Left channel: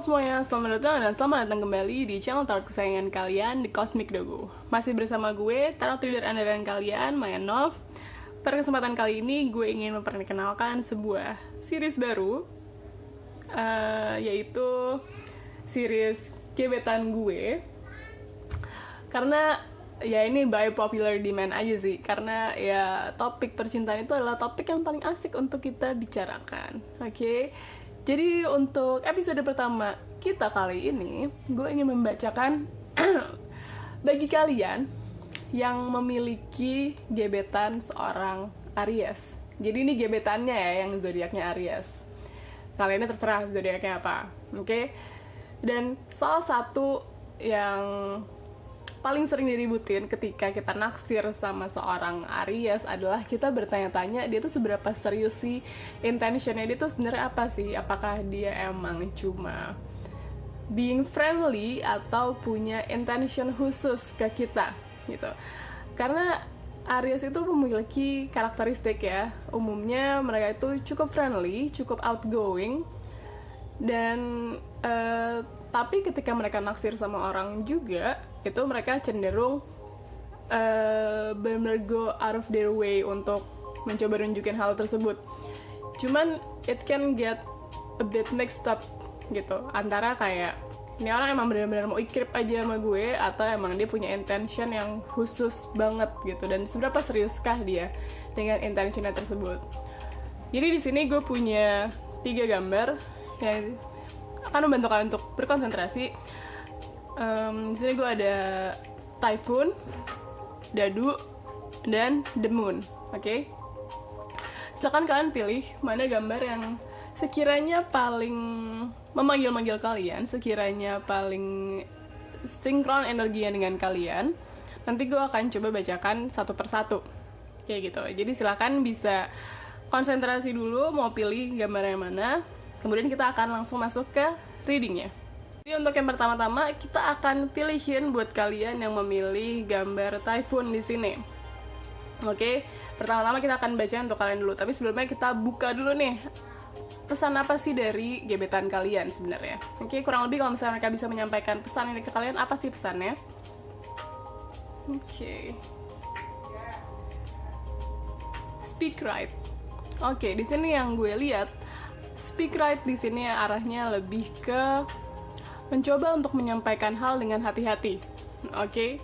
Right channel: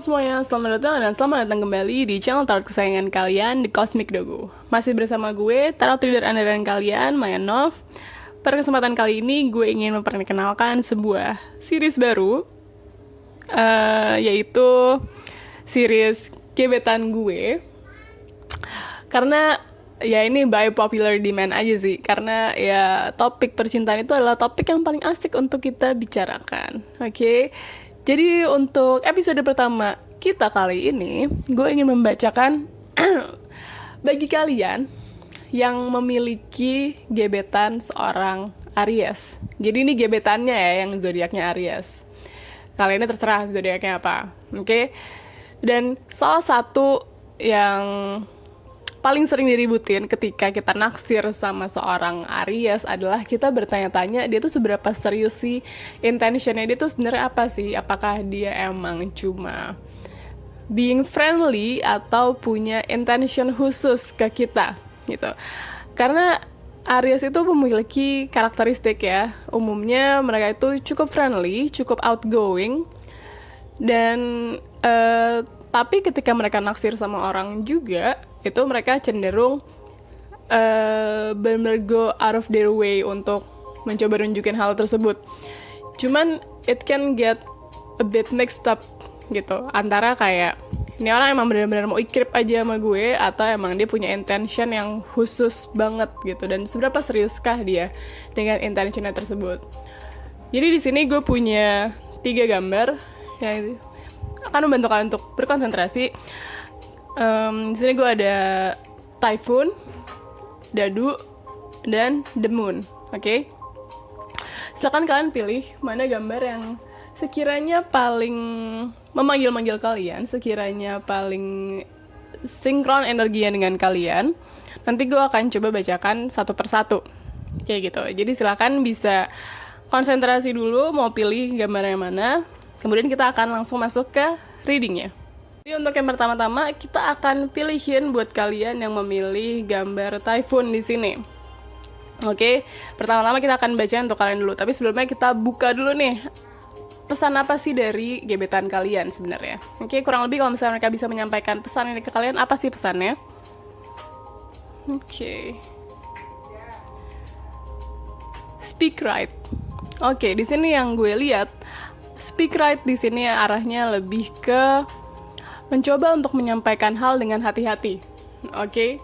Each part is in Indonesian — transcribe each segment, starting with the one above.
semuanya, selamat datang dan selamat datang kembali di channel tarot kesayangan kalian, The Cosmic Dogo. Masih bersama gue, tarot reader andalan kalian, Maya Nov. Pada kesempatan kali ini, gue ingin memperkenalkan sebuah series baru, yaitu series gebetan gue. Karena ya ini by popular demand aja sih, karena ya topik percintaan itu adalah topik yang paling asik untuk kita bicarakan. Oke. Jadi untuk episode pertama kita kali ini, gue ingin membacakan bagi kalian yang memiliki gebetan seorang Aries. Jadi ini gebetannya ya, yang zodiaknya Aries. Kali ini terserah zodiaknya apa, oke? Dan salah satu yang paling sering diributin ketika kita naksir sama seorang Aries adalah kita bertanya-tanya dia tuh seberapa serius sih, intentionnya dia tuh sebenarnya apa sih, apakah dia emang cuma being friendly atau punya intention khusus ke kita gitu. Karena Aries itu memiliki karakteristik ya, umumnya mereka itu cukup friendly, cukup outgoing, dan tapi ketika mereka naksir sama orang juga, itu mereka cenderung benar-benar go out of their way untuk mencoba nunjukin hal tersebut. Cuman it can get a bit mixed up gitu, antara kayak ini orang emang benar-benar mau ikrip aja sama gue, atau emang dia punya intention yang khusus banget gitu, dan seberapa seriuskah dia dengan intentionnya tersebut. Jadi di sini gue punya 3 gambar yang akan membantu kalian untuk berkonsentrasi. Di sini gue ada Typhoon, Dadu, dan The Moon. Oke? Silakan kalian pilih mana gambar yang sekiranya paling memanggil-manggil kalian, sekiranya paling sinkron energinya dengan kalian. Nanti gue akan coba bacakan satu persatu, kayak gitu. Jadi silakan bisa konsentrasi dulu mau pilih gambar yang mana. Kemudian kita akan langsung masuk ke readingnya. Jadi untuk yang pertama-tama kita akan pilihin buat kalian yang memilih gambar Typhoon di sini. Oke, pertama-tama kita akan baca untuk kalian dulu. Tapi sebelumnya kita buka dulu nih, pesan apa sih dari gebetan kalian sebenarnya. Oke, kurang lebih kalau misalnya mereka bisa menyampaikan pesan ini ke kalian, apa sih pesannya? Oke. Speak right. Oke, di sini yang gue lihat, speak right di sini arahnya lebih ke mencoba untuk menyampaikan hal dengan hati-hati. Oke?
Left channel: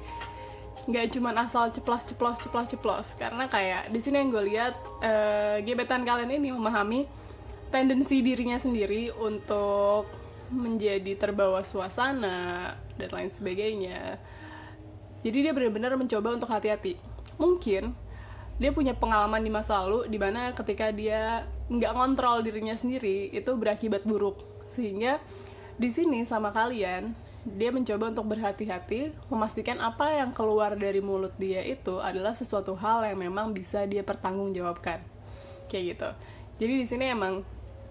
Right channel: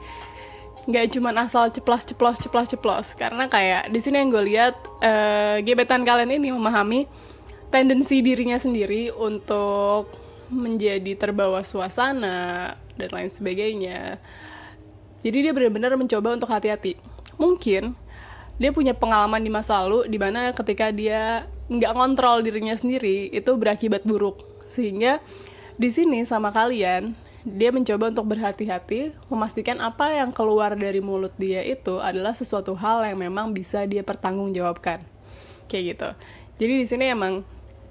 Nggak cuma asal ceplos. Karena kayak di sini yang gue lihat, gebetan kalian ini memahami tendensi dirinya sendiri untuk menjadi terbawa suasana dan lain sebagainya. Jadi dia benar-benar mencoba untuk hati-hati. Mungkin dia punya pengalaman di masa lalu di mana ketika dia nggak ngontrol dirinya sendiri, itu berakibat buruk. Sehingga di sini sama kalian, dia mencoba untuk berhati-hati, memastikan apa yang keluar dari mulut dia itu adalah sesuatu hal yang memang bisa dia pertanggungjawabkan. Kayak gitu. Jadi di sini emang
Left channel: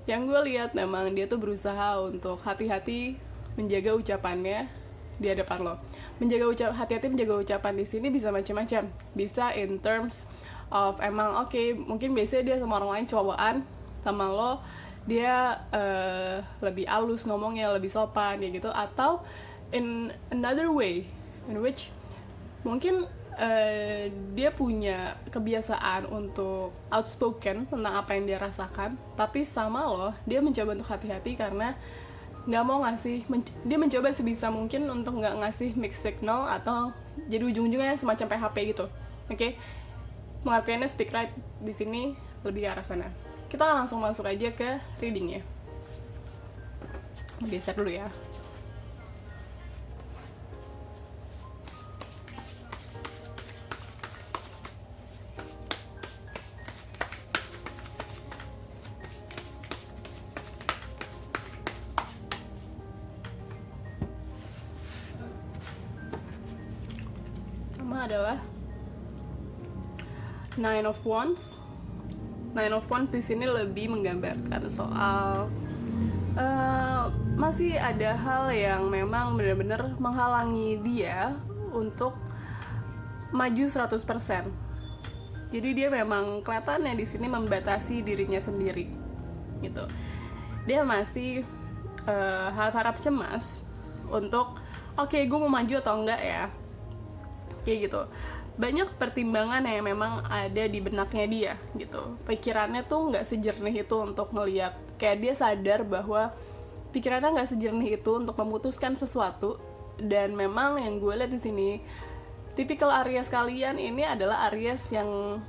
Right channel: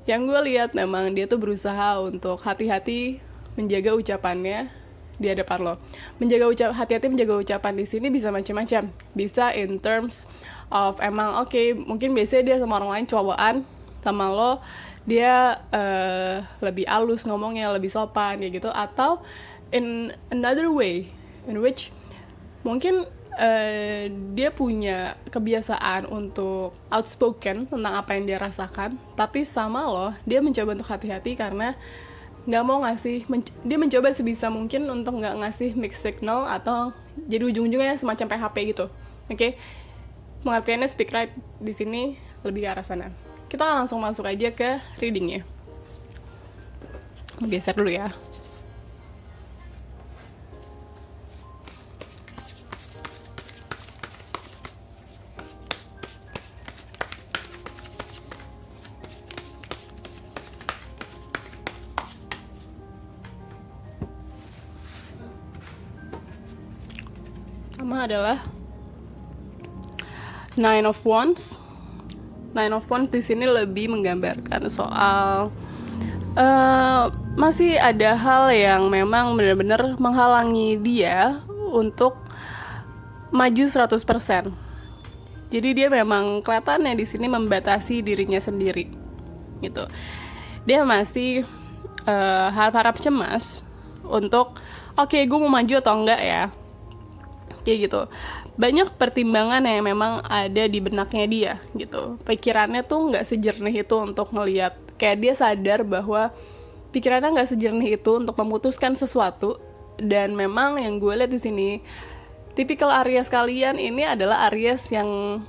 yang gue lihat memang dia tuh berusaha untuk hati-hati menjaga ucapannya di hadapan lo. Hati-hati menjaga ucapan di sini bisa macam-macam. Bisa in terms of emang mungkin biasanya dia sama orang lain cowokan, sama lo dia lebih halus ngomongnya, lebih sopan kayak gitu, atau in another way in which mungkin dia punya kebiasaan untuk outspoken tentang apa yang dia rasakan, tapi sama lo dia mencoba untuk hati-hati karena nggak mau dia mencoba sebisa mungkin untuk nggak ngasih mixed signal atau jadi ujung-ujungnya semacam PHP gitu. Oke? Pengertiannya speak right di sini lebih ke arah sana. Kita langsung masuk aja ke readingnya. Geser dulu ya. Pertama adalah Nine of Wands. Nine of Wands di sini lebih menggambarkan soal masih ada hal yang memang benar-benar menghalangi dia untuk maju 100%. Jadi dia memang kelihatannya di sini membatasi dirinya sendiri gitu. Dia masih harap-harap cemas untuk oke, gue mau maju atau enggak ya, kayak gitu. Banyak pertimbangan yang memang ada di benaknya dia gitu. Pikirannya tuh nggak sejernih itu untuk melihat, kayak dia sadar bahwa pikirannya nggak sejernih itu untuk memutuskan sesuatu. Dan memang yang gue lihat di sini, tipikal Aries kalian ini adalah Aries yang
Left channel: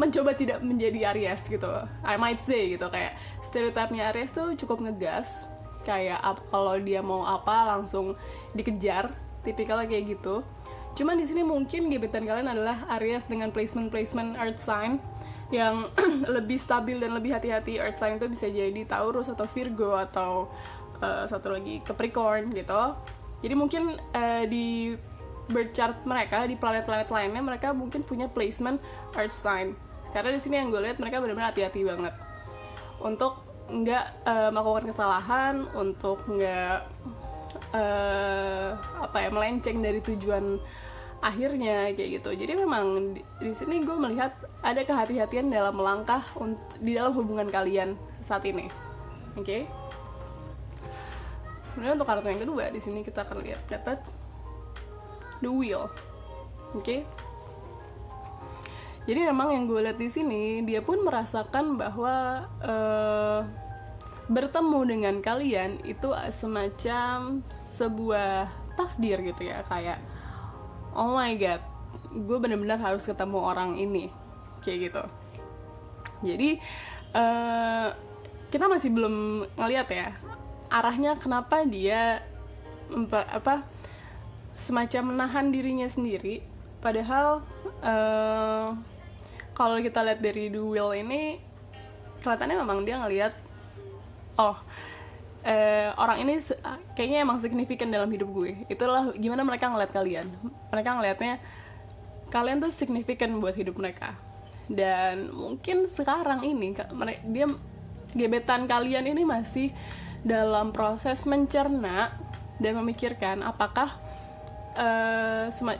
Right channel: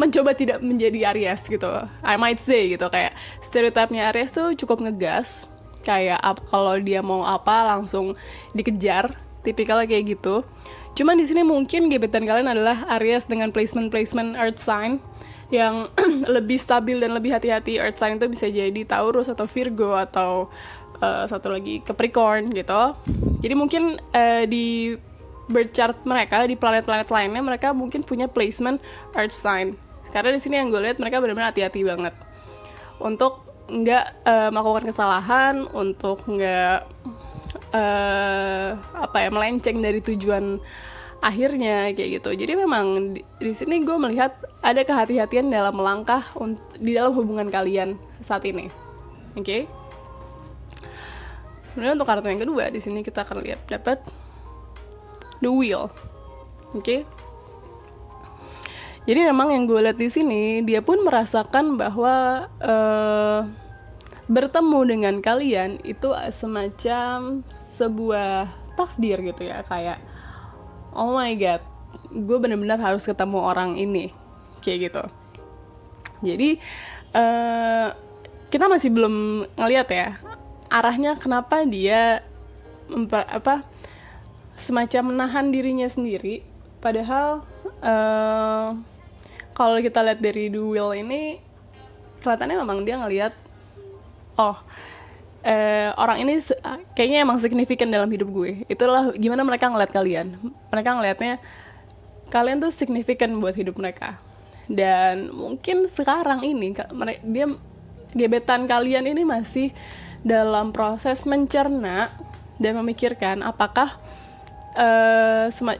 mencoba tidak menjadi Aries gitu, I might say gitu. Kayak stereotipnya Aries tuh cukup ngegas, kayak kalau dia mau apa langsung dikejar, tipikalnya kayak gitu. Cuman di sini mungkin gebetan kalian adalah Aries dengan placement Earth sign yang lebih stabil dan lebih hati-hati. Earth sign itu bisa jadi Taurus atau Virgo atau satu lagi Capricorn gitu. Jadi mungkin di birth chart mereka, di planet-planet lainnya mereka mungkin punya placement Earth sign. Karena di sini yang gue lihat mereka benar-benar hati-hati banget untuk nggak melakukan kesalahan, untuk nggak melenceng dari tujuan akhirnya kayak gitu. Jadi memang di sini gue melihat ada kehati-hatian dalam melangkah di dalam hubungan kalian saat ini. Oke. Kemudian untuk kartu yang kedua di sini kita akan lihat dapat The Wheel. Oke. Jadi memang yang gue lihat di sini dia pun merasakan bahwa bertemu dengan kalian itu semacam sebuah takdir gitu ya, kayak oh my god, gue benar-benar harus ketemu orang ini, kayak gitu. Jadi kita masih belum ngelihat ya arahnya kenapa dia semacam menahan dirinya sendiri. Padahal kalau kita lihat dari The Wheel ini, kelihatannya memang dia ngelihat orang ini kayaknya emang signifikan dalam hidup gue. Itulah gimana mereka ngeliat kalian. Mereka ngelihatnya kalian tuh signifikan buat hidup mereka. Dan mungkin sekarang ini gebetan kalian ini masih dalam proses mencerna dan memikirkan apakah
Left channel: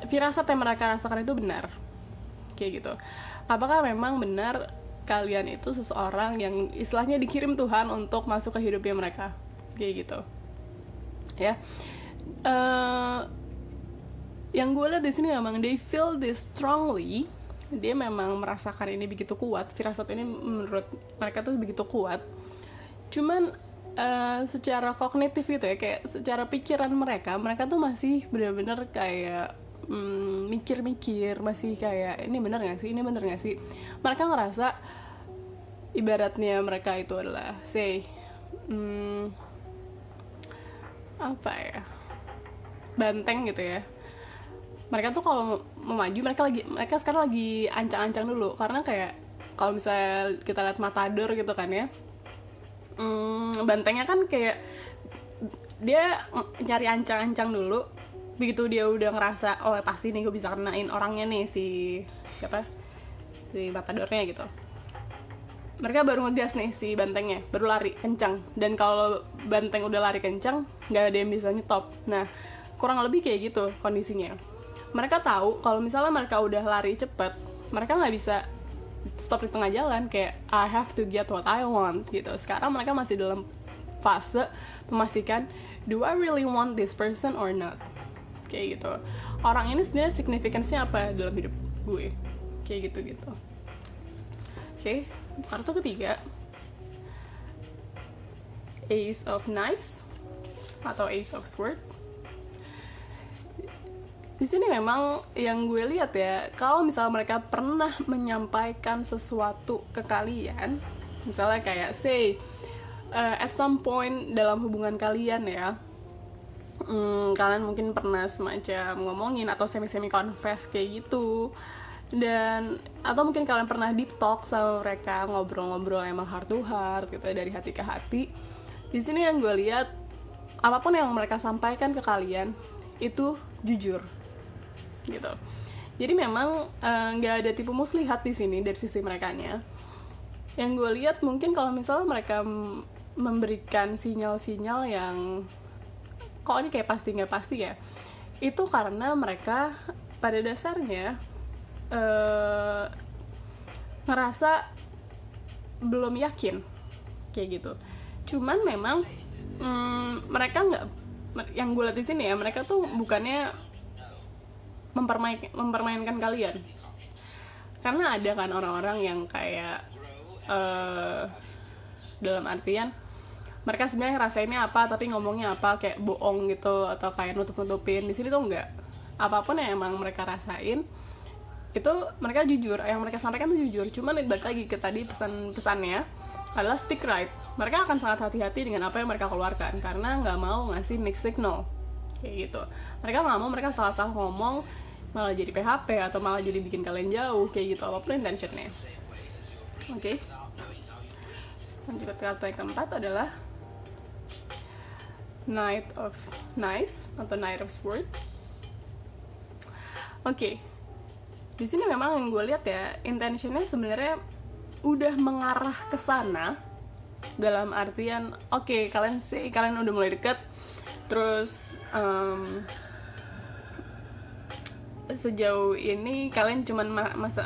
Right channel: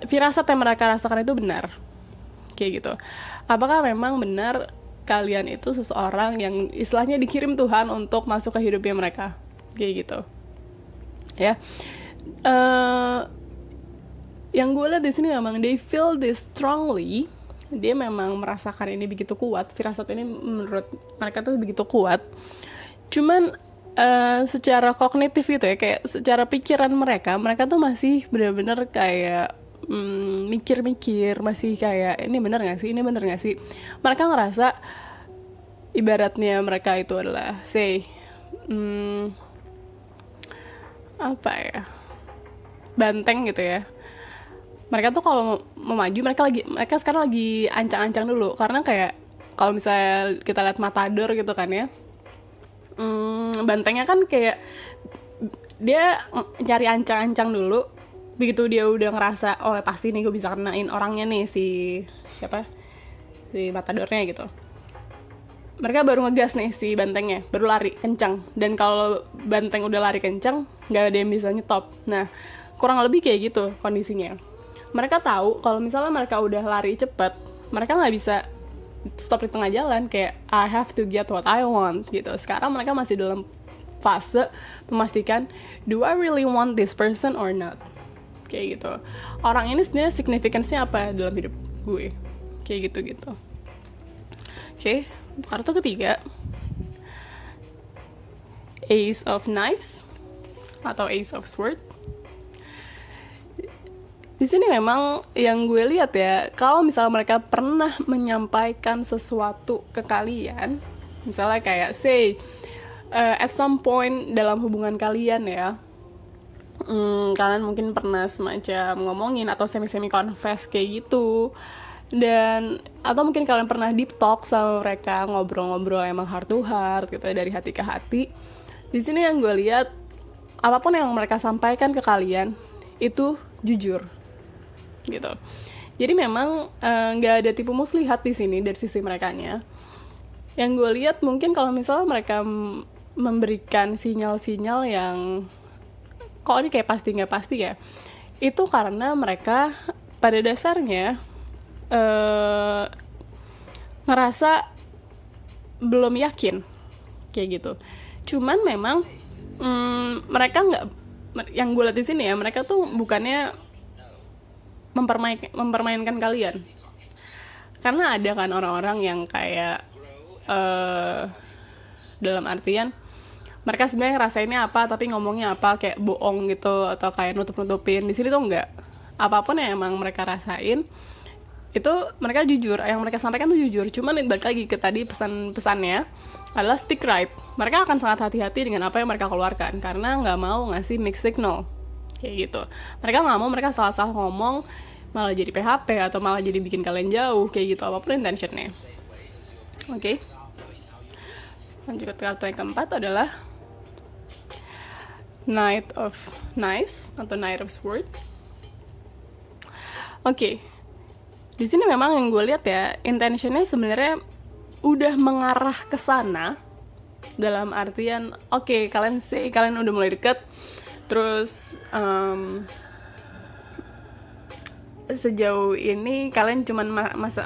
firasat yang mereka rasakan itu benar, kayak gitu. Apakah memang benar kalian itu seseorang yang istilahnya dikirim Tuhan untuk masuk ke hidupnya mereka, kayak gitu ya. Yang gue lihat di sini memang they feel this strongly. Dia memang merasakan ini begitu kuat, firasat ini menurut mereka tuh begitu kuat. Cuman secara kognitif gitu ya, kayak secara pikiran mereka tuh masih benar-benar kayak mikir-mikir, masih kayak ini benar nggak sih. Mereka ngerasa ibaratnya mereka itu adalah banteng gitu ya. Mereka tuh kalau mau maju, mereka sekarang lagi ancang-ancang dulu, karena kayak kalau misalnya kita lihat Matador gitu kan ya, bantengnya kan kayak dia cari ancang-ancang dulu. Begitu dia udah ngerasa oh pasti nih gue bisa kenain orangnya nih, si Matadornya gitu, mereka baru ngegas nih si bantengnya, baru lari kencang. Dan kalau banteng udah lari kencang, nggak ada yang bisa nyetop. Nah, kurang lebih kayak gitu kondisinya. Mereka tahu kalau misalnya mereka udah lari cepet, mereka nggak bisa stop di tengah jalan, kayak I have to get what I want gitu. Sekarang mereka masih dalam fase memastikan, do I really want this person or not, kayak gitu. Orang ini sebenarnya significance-nya apa dalam hidup gue, kayak gitu. Oke. Kartu ketiga, Ace of Knives atau Ace of Swords. Di sini memang yang gue lihat ya, kalau misalnya mereka pernah menyampaikan sesuatu ke kalian, misalnya kayak at some point dalam hubungan kalian ya, kalian mungkin pernah semacam ngomongin atau semi confess kayak gitu. Dan atau mungkin kalian pernah deep talk sama mereka, ngobrol-ngobrol emang heart to heart gitu, dari hati ke hati. Di sini yang gue lihat, apapun yang mereka sampaikan ke kalian itu jujur gitu. Jadi memang nggak ada tipu muslihat di sini dari sisi merekanya. Yang gue lihat mungkin kalau misalnya mereka memberikan sinyal-sinyal yang kok ini kayak pasti nggak pasti ya, itu karena mereka pada dasarnya ngerasa belum yakin kayak gitu. Cuman memang mereka nggak, yang gue lihat di sini ya, mereka tuh bukannya mempermainkan kalian. Karena ada kan orang-orang yang kayak dalam artian mereka sebenarnya ngerasainnya apa tapi ngomongnya apa, kayak bohong gitu atau kayak nutup-nutupin. Di sini tuh enggak, apapun yang emang mereka rasain itu mereka jujur, yang mereka sampaikan tuh jujur. Cuman balik lagi ke tadi pesan-pesannya adalah speak right. Mereka akan sangat hati-hati dengan apa yang mereka keluarkan karena nggak mau ngasih mixed signal kayak gitu. Mereka nggak mau mereka salah-salah ngomong malah jadi PHP atau malah jadi bikin kalian jauh kayak gitu, apapun intentionnya. Oke. Lanjut ke kartu yang keempat adalah Knight of Knives atau Knight of Swords. Oke. Di sini memang yang gue lihat ya, intentionnya sebenarnya udah mengarah ke sana, dalam artian oke, kalian udah mulai deket, terus sejauh ini kalian cuman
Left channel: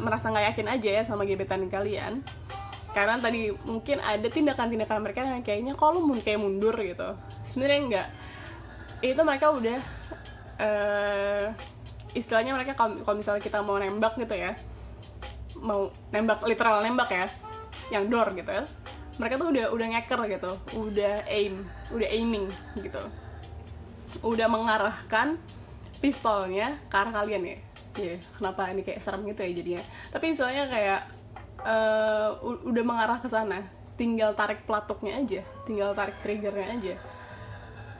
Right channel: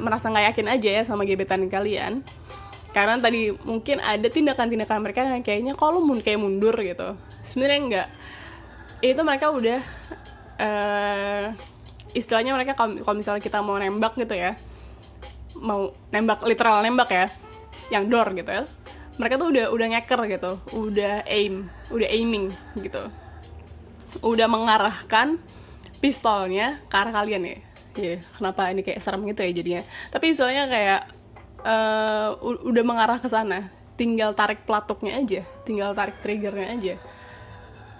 merasa nggak yakin aja ya sama gebetan kalian, karena tadi mungkin ada tindakan-tindakan mereka yang kayaknya kalau kayak mundur gitu. Sebenarnya enggak, itu mereka udah istilahnya mereka kalau misalnya kita mau nembak gitu ya, mau nembak literal nembak ya, yang door gitu ya, mereka tuh udah ngeker gitu, udah aiming gitu, udah mengarahkan pistolnya ke arah kalian ya. Kenapa ini kayak serem gitu ya jadinya, tapi istilahnya kayak udah mengarah ke sana, tinggal tarik pelatuknya aja, tinggal tarik triggernya aja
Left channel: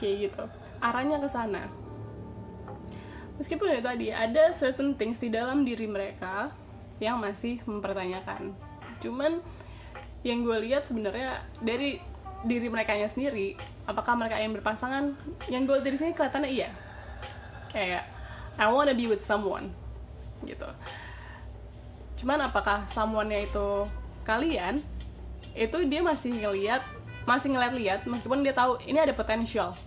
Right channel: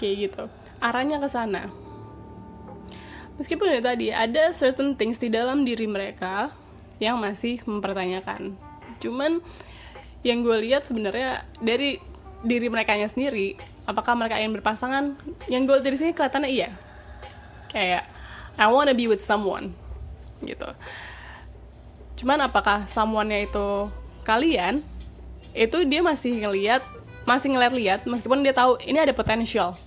kayak gitu, arahnya ke sana. Meskipun ya tadi ada certain things di dalam diri mereka yang masih mempertanyakan. Cuman yang gue lihat sebenarnya dari diri mereka sendiri, apakah mereka ingin berpasangan? Yang gue lihat dari sini kelihatannya iya. Kayak I wanna be with someone gitu. Cuman apakah someone-nya itu kalian? Itu dia masih ngeliat meskipun dia tahu ini ada potential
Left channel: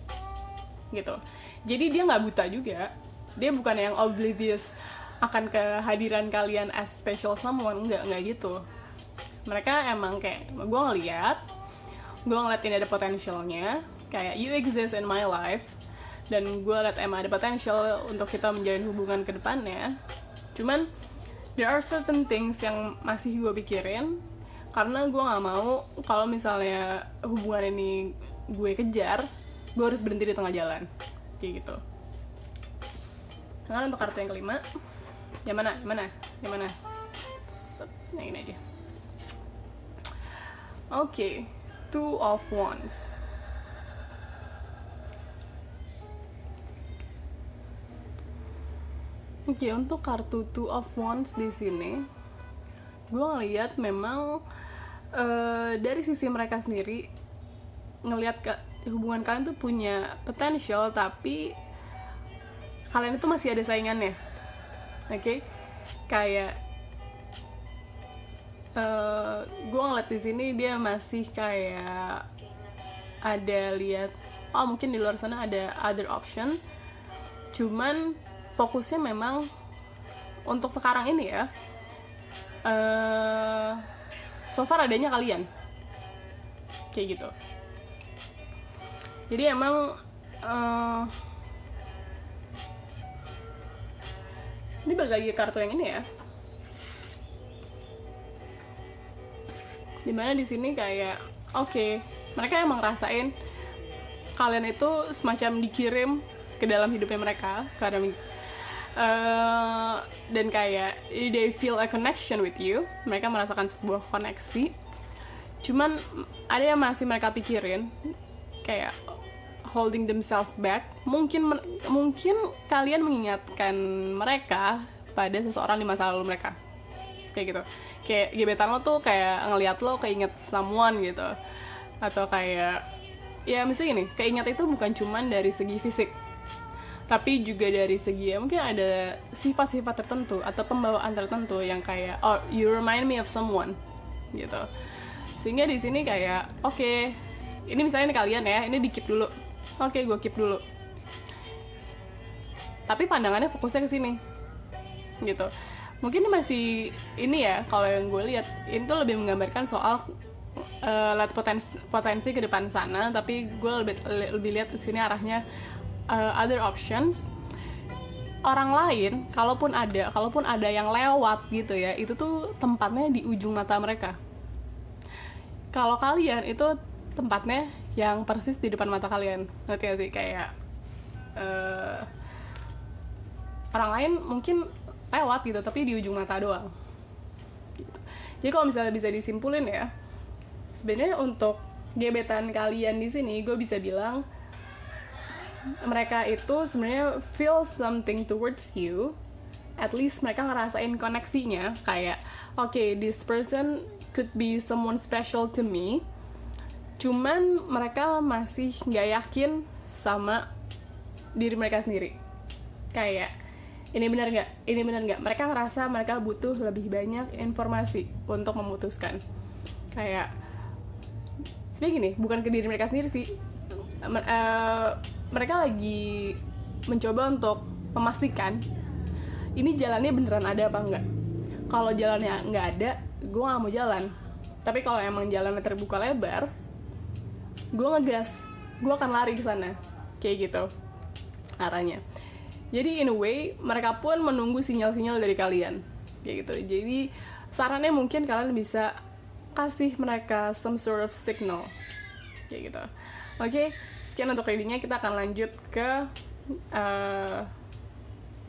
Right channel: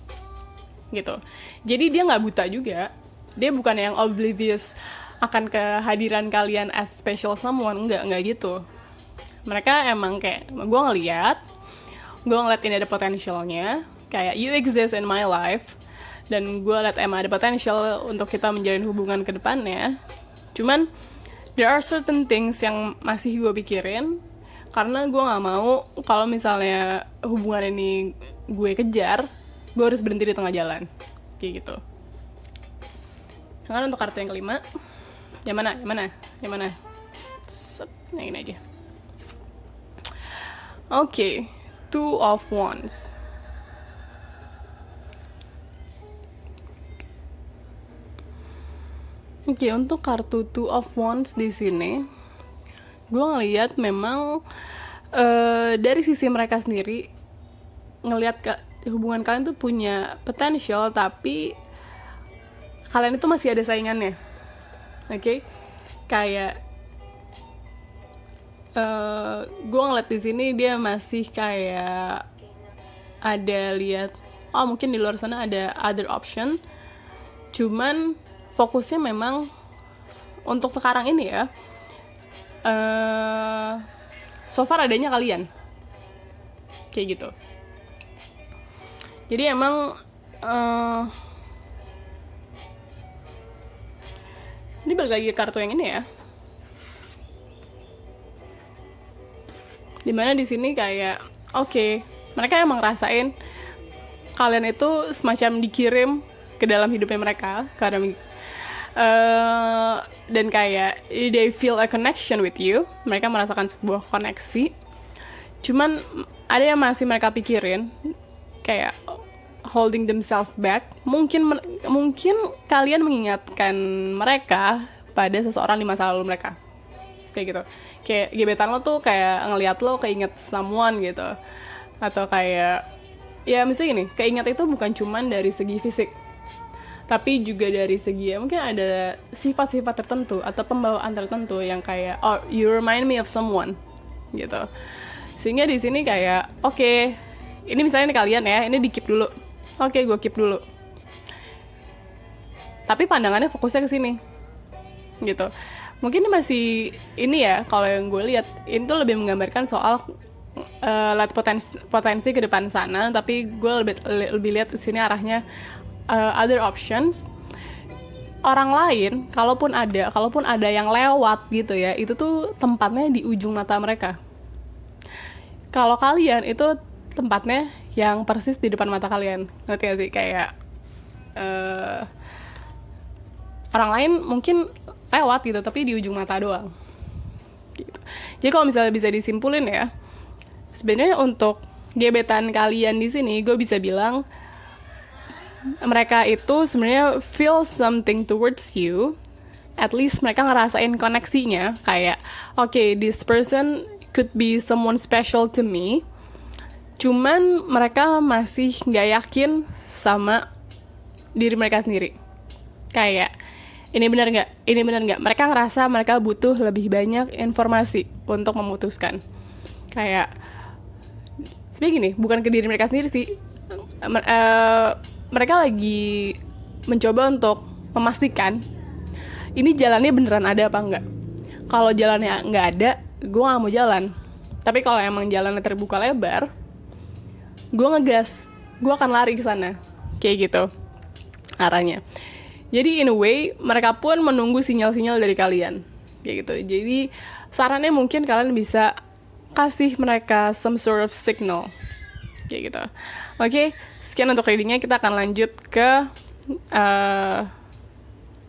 gitu. Jadi dia nggak buta juga. Dia bukan yang oblivious akan kehadiran kalian as special someone, enggak gitu. Mereka emang kayak, gue ngeliat ini ada potensialnya, kayak you exist in my life, dan gue liat emang ada potensial untuk kita menjalin hubungan ke depannya. Cuman there are certain things yang masih gue pikirin, karena gue nggak mau kalau misalnya hubungan ini gue kejar, gue harus berhenti di tengah jalan kayak gitu. Sekarang untuk kartu yang kelima, yang mana? Yang ini aja. Oke, Two of Wands. Oke, untuk kartu Two of Wands di sini, gue ngelihat memang dari sisi mereka sendiri ngelihat hubungan kalian tuh punya potential, tapi kalian itu masih ada saingannya. Oke? Kayak gue ngeliat di sini dia masih kayak ada lihat, oh mungkin di luar sana ada other option. Cuman fokusnya memang untuk sekarang ini ya, so far adanya kalian kayak gitu. Jadi emang ini balik lagi ke kartu yang ini ya, dimana di sini kayak oke, mereka emang ngerasain kalian itu semacam dikirim ke dalam hidupnya mereka karena dan kayak they feel a connection with you, mereka merasakan sebuah koneksi. Cuman ada yang masih mereka pikirin, kayak holding themselves back. Mungkin kalian mengingatkan mereka pada seseorang di masa lalu mereka kayak gitu. Kayak gebetan lo tuh kayak ngelihat lo keinget someone gitu, atau kayak ya mesti gini, keinget itu bukan cuman dari segi fisik, tapi juga dari segi ya mungkin ada sifat-sifat tertentu atau pembawaan tertentu yang kayak oh you remind me of someone gitu. Sehingga di sini kayak oke, ini misalnya nih kalian ya, ini di keep dulu. Oke, gue keep dulu. Tapi pandangannya fokusnya ke sini gitu. Mungkin masih ini ya, kalau yang gue lihat itu lebih menggambarkan soal lihat potensi ke depan sana, tapi gue lebih lihat di sini arahnya other options. Orang lain, kalaupun ada yang lewat gitu ya, itu tuh tempatnya di ujung mata mereka. Kalau kalian itu tempatnya yang persis di depan mata kalian, ngerti gak sih? Kayak orang lain mungkin lewat gitu, tapi di ujung mata doang. Gitu. Jadi kalau misalnya bisa disimpulin ya, sebenarnya untuk gebetan kalian di sini, gue bisa bilang mereka itu sebenarnya feel something towards you. At least mereka ngerasain koneksinya, kayak okay, this person could be someone special to me. Cuman mereka masih nggak yakin sama diri mereka sendiri. Kayak ini benar nggak? Mereka ngerasa mereka butuh lebih banyak informasi untuk memutuskan. Kayak sebenarnya gini, bukan ke diri mereka sendiri sih. Mereka lagi mencoba untuk memastikan ini jalannya beneran ada apa enggak. Kalau jalannya nggak ada, gue nggak mau jalan. Tapi kalau emang jalannya terbuka lebar, gue ngegas, gue akan lari ke sana, kayak gitu arahnya. Jadi in a way mereka pun menunggu sinyal-sinyal dari kalian, kayak gitu. Jadi sarannya mungkin kalian bisa kasih mereka some sort of signal, kayak gitu. Oke, sekian untuk readingnya. Kita akan lanjut ke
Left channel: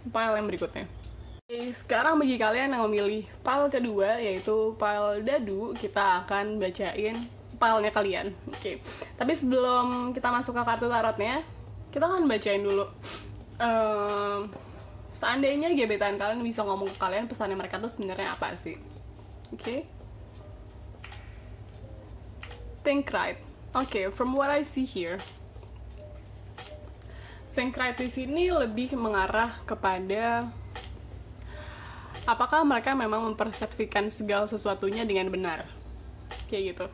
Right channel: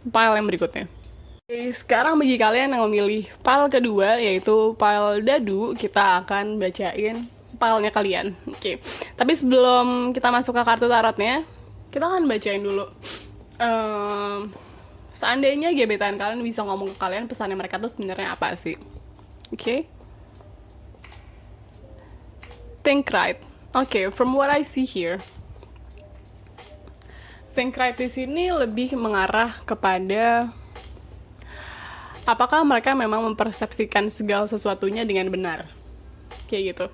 file yang berikutnya. Oke, sekarang bagi kalian yang memilih file kedua, yaitu file dadu, kita akan bacain filenya kalian. Oke, tapi sebelum kita masuk ke kartu tarotnya, kita akan bacain dulu. Seandainya gebetan kalian bisa ngomong ke kalian, pesannya mereka tuh sebenarnya apa sih? Oke. Think right. Oke, from what I see here, think right di sini lebih mengarah kepada apakah mereka memang mempersepsikan segala sesuatunya dengan benar, kayak gitu.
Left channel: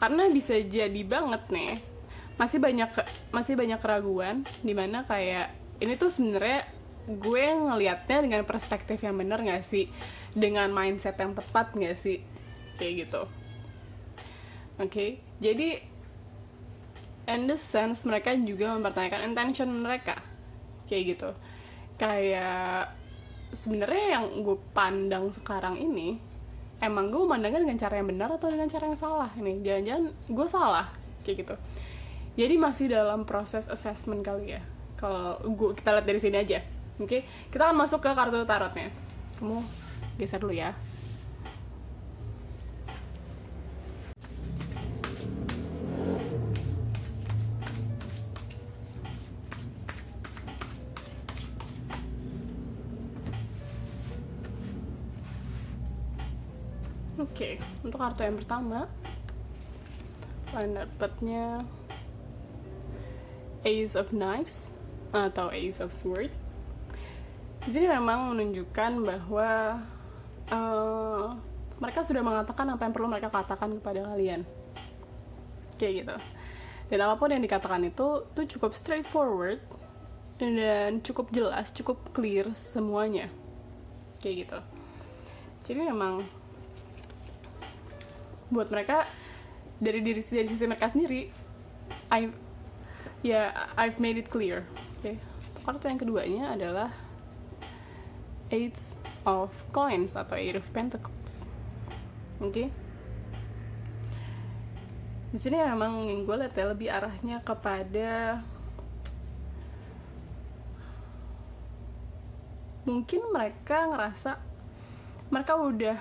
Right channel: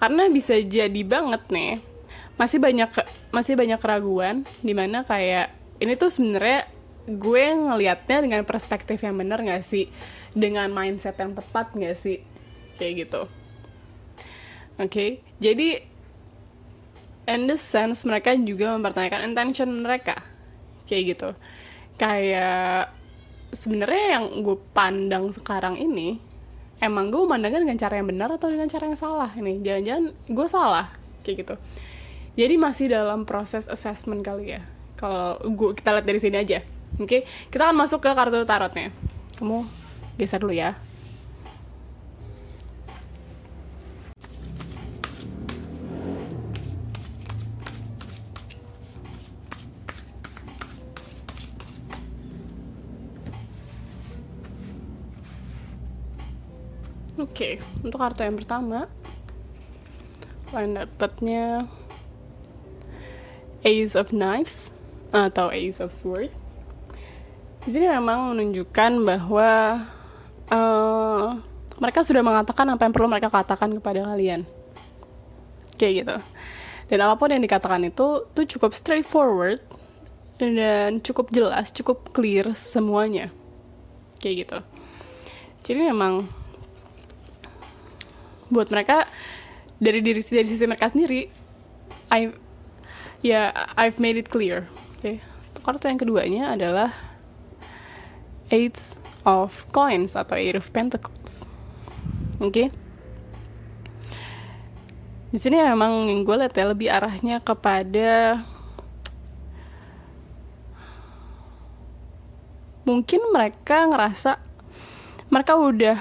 Karena bisa jadi banget nih, masih banyak keraguan dimana kayak ini tuh sebenarnya gue ngelihatnya dengan perspektif yang benar nggak sih, dengan mindset yang tepat nggak sih, kayak gitu. Oke, jadi in the sense mereka juga mempertanyakan intention mereka, kayak gitu. Kayak sebenarnya yang gue pandang sekarang ini, emang gue memandangnya dengan cara yang benar atau dengan cara yang salah nih? Jangan-jangan gue salah, kayak gitu. Jadi masih dalam proses assessment kali ya. Kalau kita lihat dari sini aja, oke? Kita akan masuk ke kartu tarotnya. Kamu geser dulu ya. Oke, untuk kartu yang pertama, kalian dapatnya Ace of Knives atau Ace of Sword. Di sini memang menunjukkan bahwa mereka sudah mengatakan apa yang perlu mereka katakan kepada kalian, kayak gitu. Dan apapun yang dikatakan itu tuh cukup straightforward dan cukup jelas, cukup clear semuanya, kayak gitu. Jadi memang buat mereka dari sisi mereka sendiri, I've made it clear. Oke. Kartu yang keduanya adalah Eight of Coins atau Eight of Pentacles. Oke. Di sini memang yang gue lihat ya lebih arahnya kepada mungkin mereka ngerasa mereka udah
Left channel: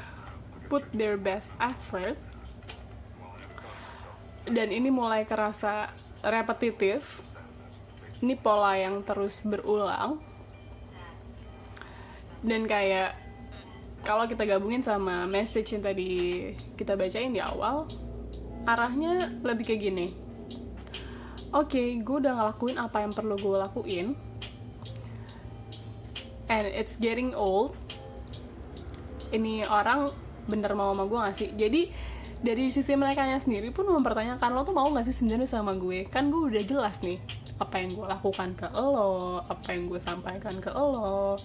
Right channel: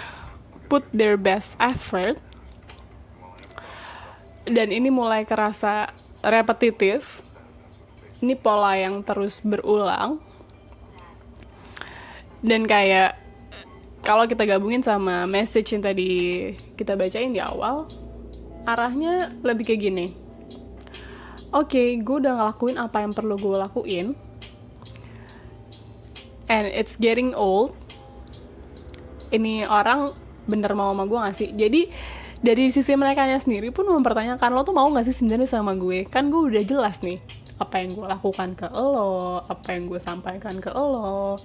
put their best effort, dan ini mulai kerasa repetitif. Ini pola yang terus berulang. Dan kayak kalau kita gabungin sama message yang tadi kita bacain di awal, arahnya lebih kayak gini. Oke, gue udah ngelakuin apa yang perlu gue lakuin, and it's getting old. Ini orang bener mau sama gue gak sih? Jadi dari sisi mereka sendiri pun mempertanyakan, lo tuh mau gak sih sebenarnya sama gue? Kan gue udah jelas nih apa yang gue lakukan ke lo, apa yang gue sampaikan ke lo.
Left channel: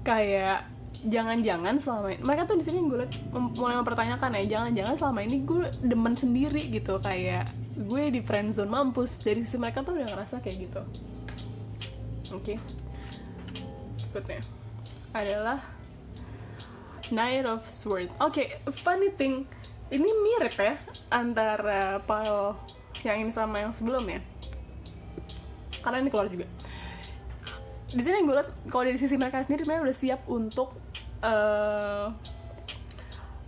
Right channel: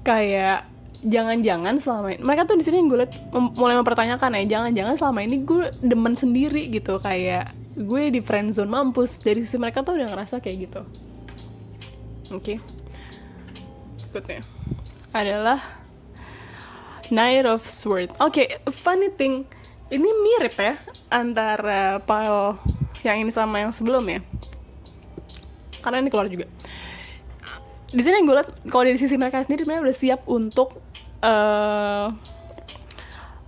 Kayak jangan-jangan selama ini mereka tuh di sini gue liat mulai mempertanyakan ya, jangan-jangan selama ini gue demen sendiri gitu, kayak gue di friendzone mampus. Dari sisi mereka tuh udah ngerasa kayak gitu. Oke. Berikutnya adalah Knight of Swords. Oke, funny thing, ini mirip ya antara pile yang ini sama yang sebelumnya, karena ini keluar juga. Di sini gue liat kalau dari sisi mereka sendiri mereka udah siap untuk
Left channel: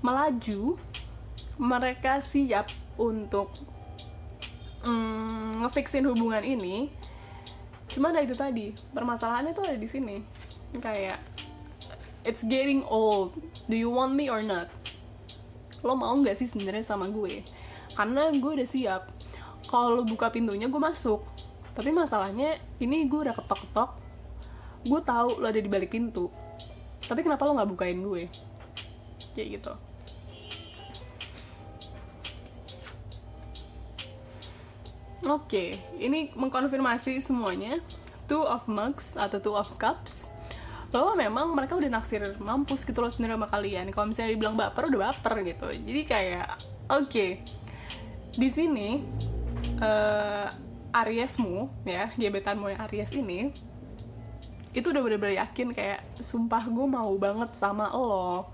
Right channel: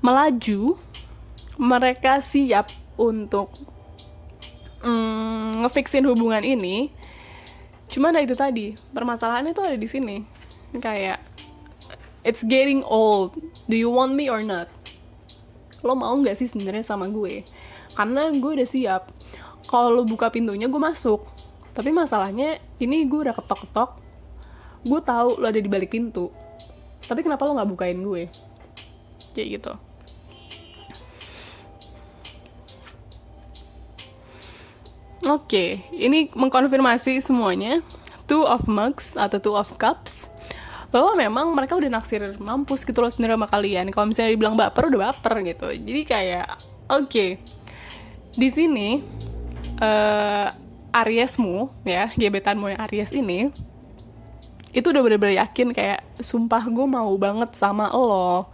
melaju, mereka siap untuk ngefixin hubungan ini. Cuman itu tadi, permasalahannya tuh ada di sini, kayak it's getting old, do you want me or not? Lo mau nggak sih sebenarnya sama gue? Karena gue udah siap, kalau lo buka pintunya gue masuk. Tapi masalahnya ini gue udah ketok-ketok, gue tahu lo ada di balik pintu, tapi kenapa lo nggak bukain gue? Kayak gitu. Oke, ini mengkonfirmasi semuanya. Two of Mugs atau Two of Cups, bahwa memang mereka udah naksir mampus gitu loh sebenarnya sama kalian. Kalau misalnya dibilang baper, udah baper gitu. Jadi kayak oke. Di sini Ariesmu ya, gebetanmu yang Aries ini itu udah bener-bener yakin kayak sumpah gue mau banget sama lo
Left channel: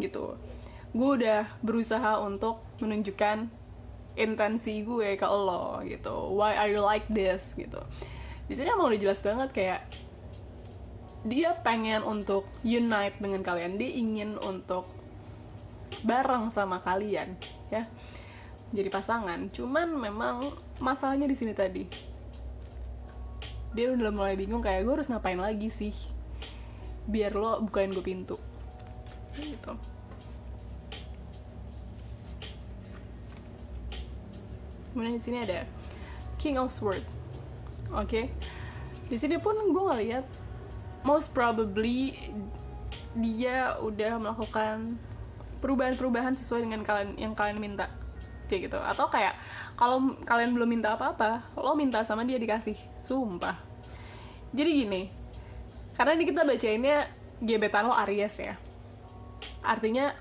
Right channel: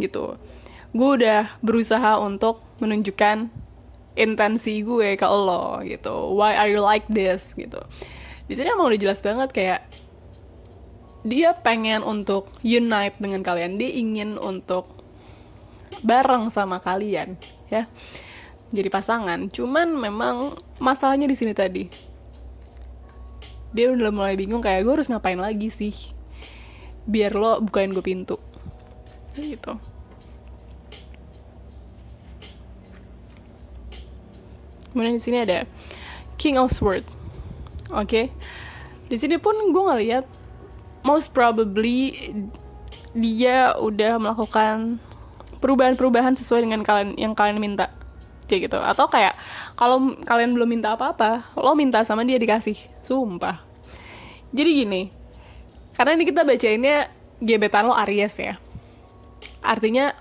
gitu. Gue udah berusaha untuk menunjukkan intensi gue ke lo gitu. Why are you like this gitu. Di sini emang udah jelas banget kayak dia pengen untuk unite dengan kalian, dia ingin untuk bareng sama kalian ya, jadi pasangan. Cuman memang masalahnya di sini tadi, dia udah mulai bingung kayak gue harus ngapain lagi sih biar lo bukain gue pintu gitu. Kemudian di sini ada King of Swords. Oke. Di sini pun gue ngeliat most probably dia udah melakukan perubahan-perubahan sesuai dengan yang kalian minta. Kayak gitu. Atau kayak kalau kalian belum minta apa-apa, lo minta sama dia dikasih. Sumpah. Jadi gini, karena ini kita bacainnya gebetan lo Aries ya, artinya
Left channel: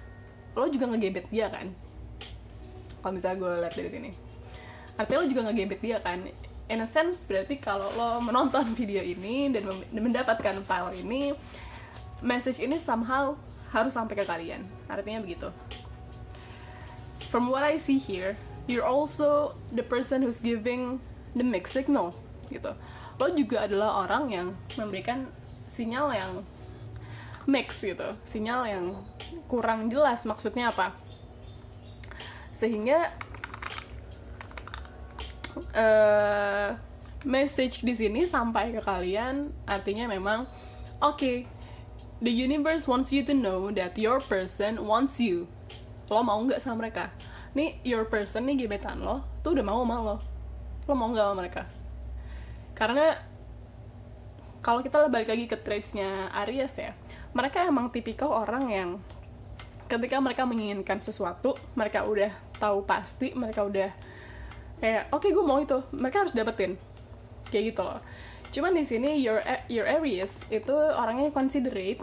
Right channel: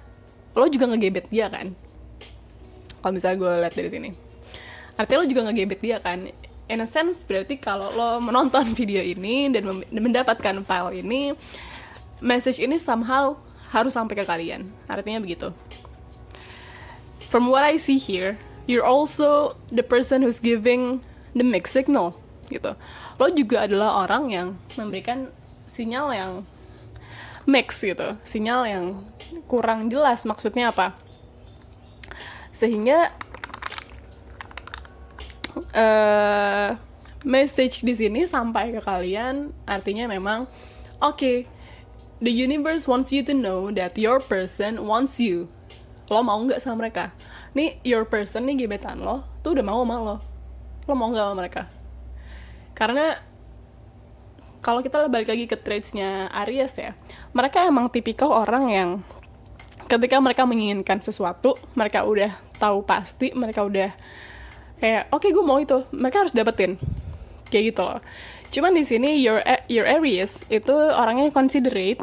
lo juga ngegebet dia kan. Kalau misalnya gue lihat dari sini, artinya lo juga ngegebet dia kan. In a sense berarti kalau lo menonton video ini dan mendapatkan file ini, message ini somehow harus sampai ke kalian. Artinya begitu. From what I see here, you're also the person who's giving the mixed signal gitu. Lo juga adalah orang yang memberikan sinyal yang mix gitu, sinyal yang kurang jelas maksudnya apa, sehingga message di sini sampai ke kalian artinya memang okay, the universe wants you to know that your person wants you. Lo mau nggak sama mereka? Nih your person nih, gebetan lo tuh udah mau sama lo mau nggak sama mereka? Karena kalau kita balik lagi ke traits-nya Aries ya, mereka emang tipikal orang yang ketika mereka menginginkan sesuatu, mereka udah tahu pasti, mereka udah kayak oke, gue mau itu, mereka harus dapetin kayak gitu loh. Cuman di sini your Aries itu orangnya considerate,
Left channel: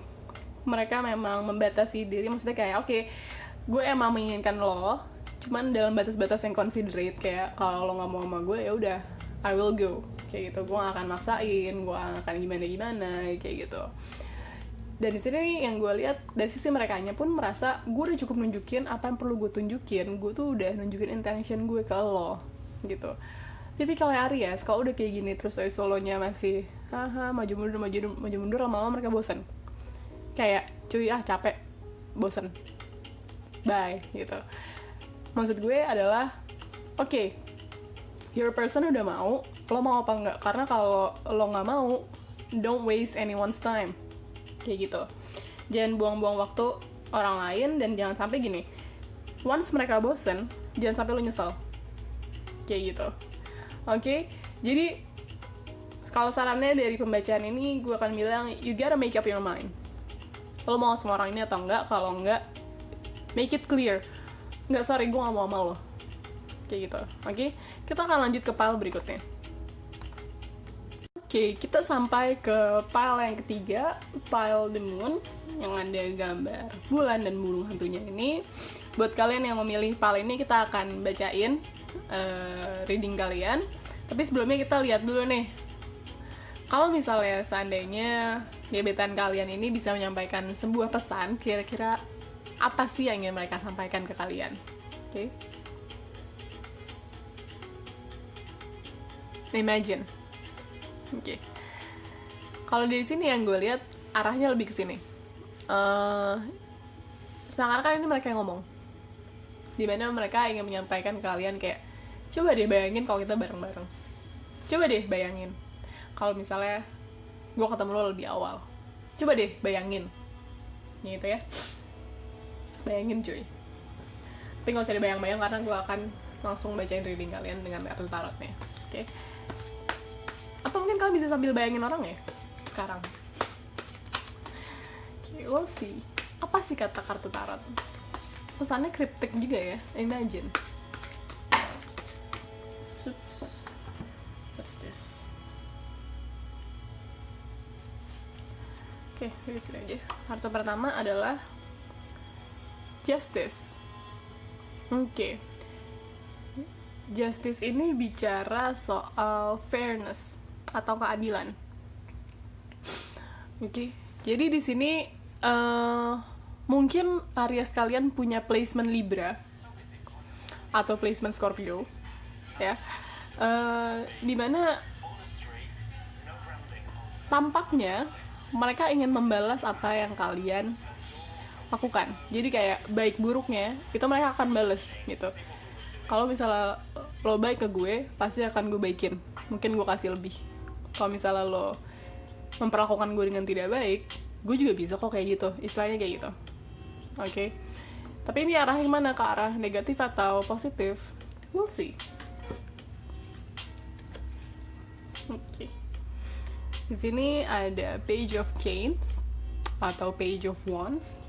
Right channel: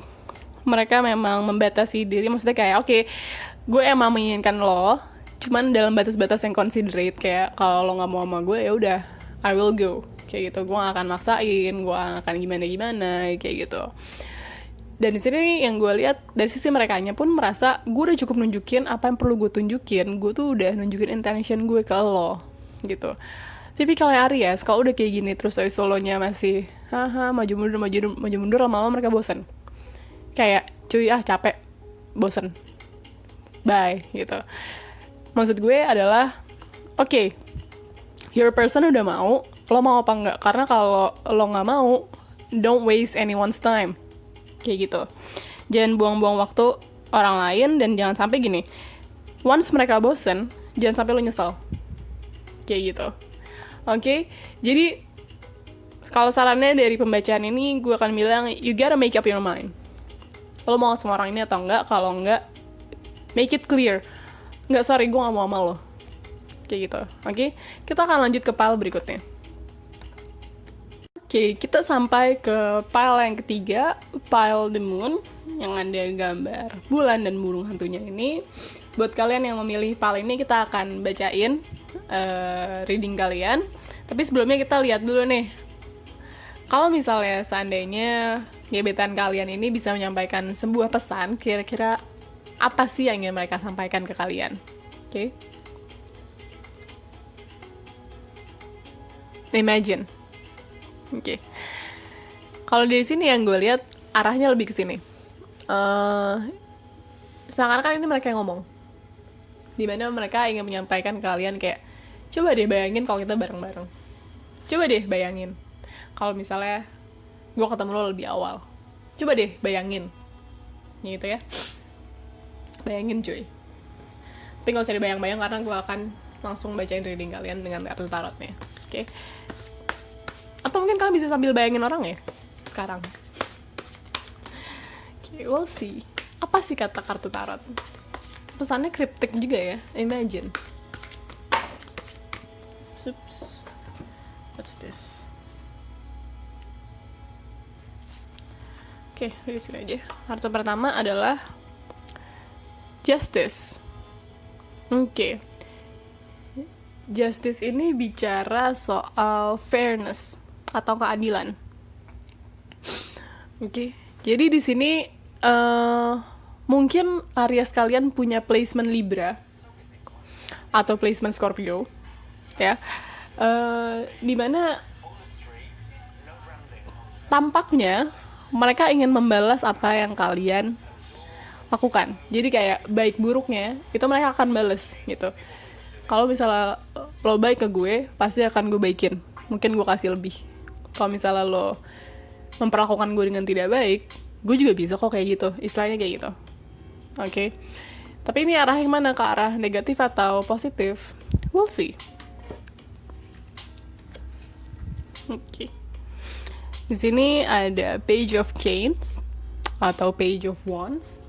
mereka memang membatasi diri, maksudnya kayak oke, gue emang menginginkan lo, cuman dalam batas-batas yang considerate, kayak kalau lo nggak mau sama gue ya udah, I will go kayak gitu, gue gak akan maksain, gue gak akan gimana kayak gitu. Dan di sini yang gue lihat dari sisi merekanya pun merasa gue udah cukup nunjukin apa yang perlu gue tunjukin, gue tuh udah nunjukin intention gue ke lo gitu. Tapi kalau Aries, kalau udah kayak gini terus solonya masih maju mundur, lama-lama mereka bosan. Kayak cuy capek, bosan, bye gitu. Maksud gue adalah oke, your person udah mau, lo mau apa enggak? Karena kalau lo nggak mau, don't waste anyone's time kayak gitu. Jangan buang-buang waktu orang lain, dan jangan sampai gini, once mereka bosen, jangan sampai lo nyesel kayak gitu. Oke? Jadi kalau sarannya dari pembacaan ini, gue akan bilang you gotta make up your mind, lo mau sama orang ini atau enggak. Kalau enggak, make it clear, enggak, sorry, gue gak mau sama lo kayak gitu. Oke? Kita akan lanjut ke pile berikutnya. Oke, kita sampai ke pile yang ketiga, pile the moon, yang ada gambar bulan dan burung hantunya ini. Buat kalian yang memilih pile ini, kita akan bacain reading kalian. Tapi sebelumnya kita lihat dulu nih, kalau misalnya seandainya gebetan kalian ini bisa menyampaikan sebuah pesan, kira-kira apa sih yang ingin mereka sampaikan ke kalian? Oke. Imagine. Oke. Kalau dari sini yang gue lihat arahnya lebih ke sini. Seakan-akan ini mereka yang ngomong. Dimana mereka ingin menyampaikan ke kalian kayak, coba deh bayangin kalau kita bareng-bareng. Coba deh bayangin kalau misalnya gue ketemu lo lebih awal. Coba deh bayangin. Gitu ya. Bayangin cuy. Tapi gak usah dibayang-bayang karena gue akan langsung bacain reading kalian dengan kartu tarotnya. Oke. Atau mungkin kalian bisa sambil bayangin orang ya sekarang. Okay, we'll see. Apa sih kata kartu tarot? Pesannya kriptik juga ya. Imagine. Oops. What's this? Oke, dari sini aja. Kartu pertama adalah Justice. Oke. Justice ini bicara soal fairness atau keadilan. Oke. Jadi di sini mungkin Aries kalian punya placement Libra atau placement Scorpio, ya. Dimana tampaknya mereka ingin membalas apa yang kalian lakukan. Jadi kayak baik buruknya itu mereka akan balas gitu. Kalau misalnya lo baik ke gue, pasti akan gue baikin. Mungkin gue kasih lebih. Kalau misalnya lo memperlakukan gue dengan tidak baik, gue juga bisa kok kayak gitu. Istilahnya kayak gitu. Oke. Tapi ini arah yang mana? Ke arah negatif atau positif? We'll see. Oke. Di sini ada Page of Canes atau Page of Wands.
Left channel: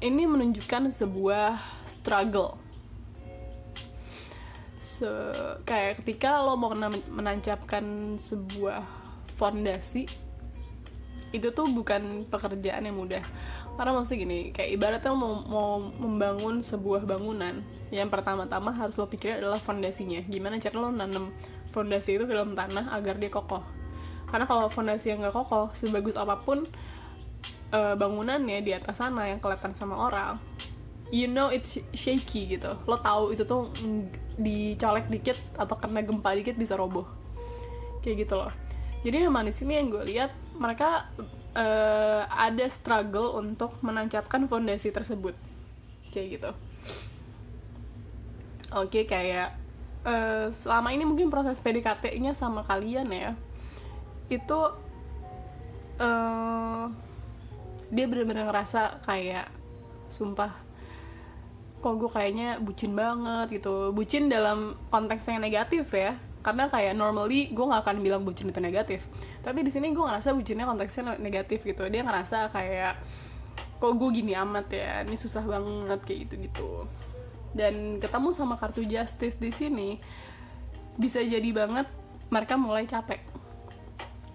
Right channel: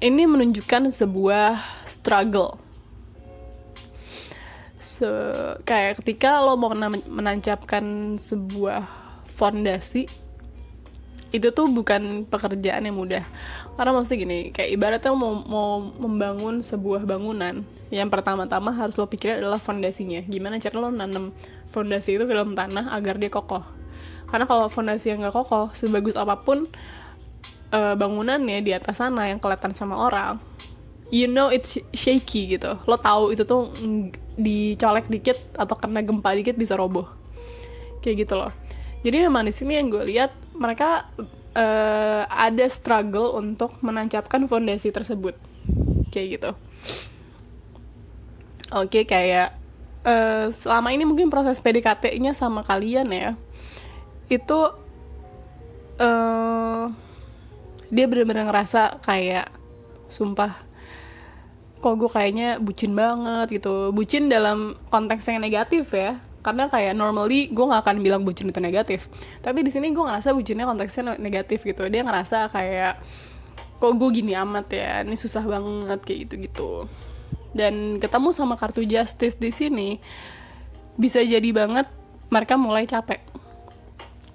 Ini menunjukkan sebuah struggle. Kayak ketika lo mau menancapkan sebuah fondasi, itu tuh bukan pekerjaan yang mudah. Karena maksudnya gini, kayak ibaratnya lo mau membangun sebuah bangunan, yang pertama-tama harus lo pikirin adalah fondasinya. Gimana cara lo nanam fondasi itu ke dalam tanah agar dia kokoh. Karena kalau fondasi yang gak kokoh, sebagus apapun bangunannya di atas sana yang kelihatan sama orang, you know it's shaky gitu. Lo tahu itu tuh dicolek dikit atau kena gempa dikit bisa roboh. Kayak gitu loh. Jadi memang di sini yang gue lihat mereka ada struggle untuk menancapkan fondasi tersebut. Kayak gitu. Oke, kayak selama ini mungkin proses PDKT-nya sama kalian ya, itu dia benar-benar ngerasa kayak sumpah kok gue kayaknya bucin banget gitu. Bucin dalam konteks yang negatif ya, karena kayak normally gue nggak akan bilang bucin itu negatif, tapi di sini gue ngerasa bucinnya konteksnya negatif gitu. Dia ngerasa kayak kok gue gini amat ya, ini susah banget kayak gitu. Dan ketemu sama kartu Justice di sini bisa jadi banget mereka mulai capek,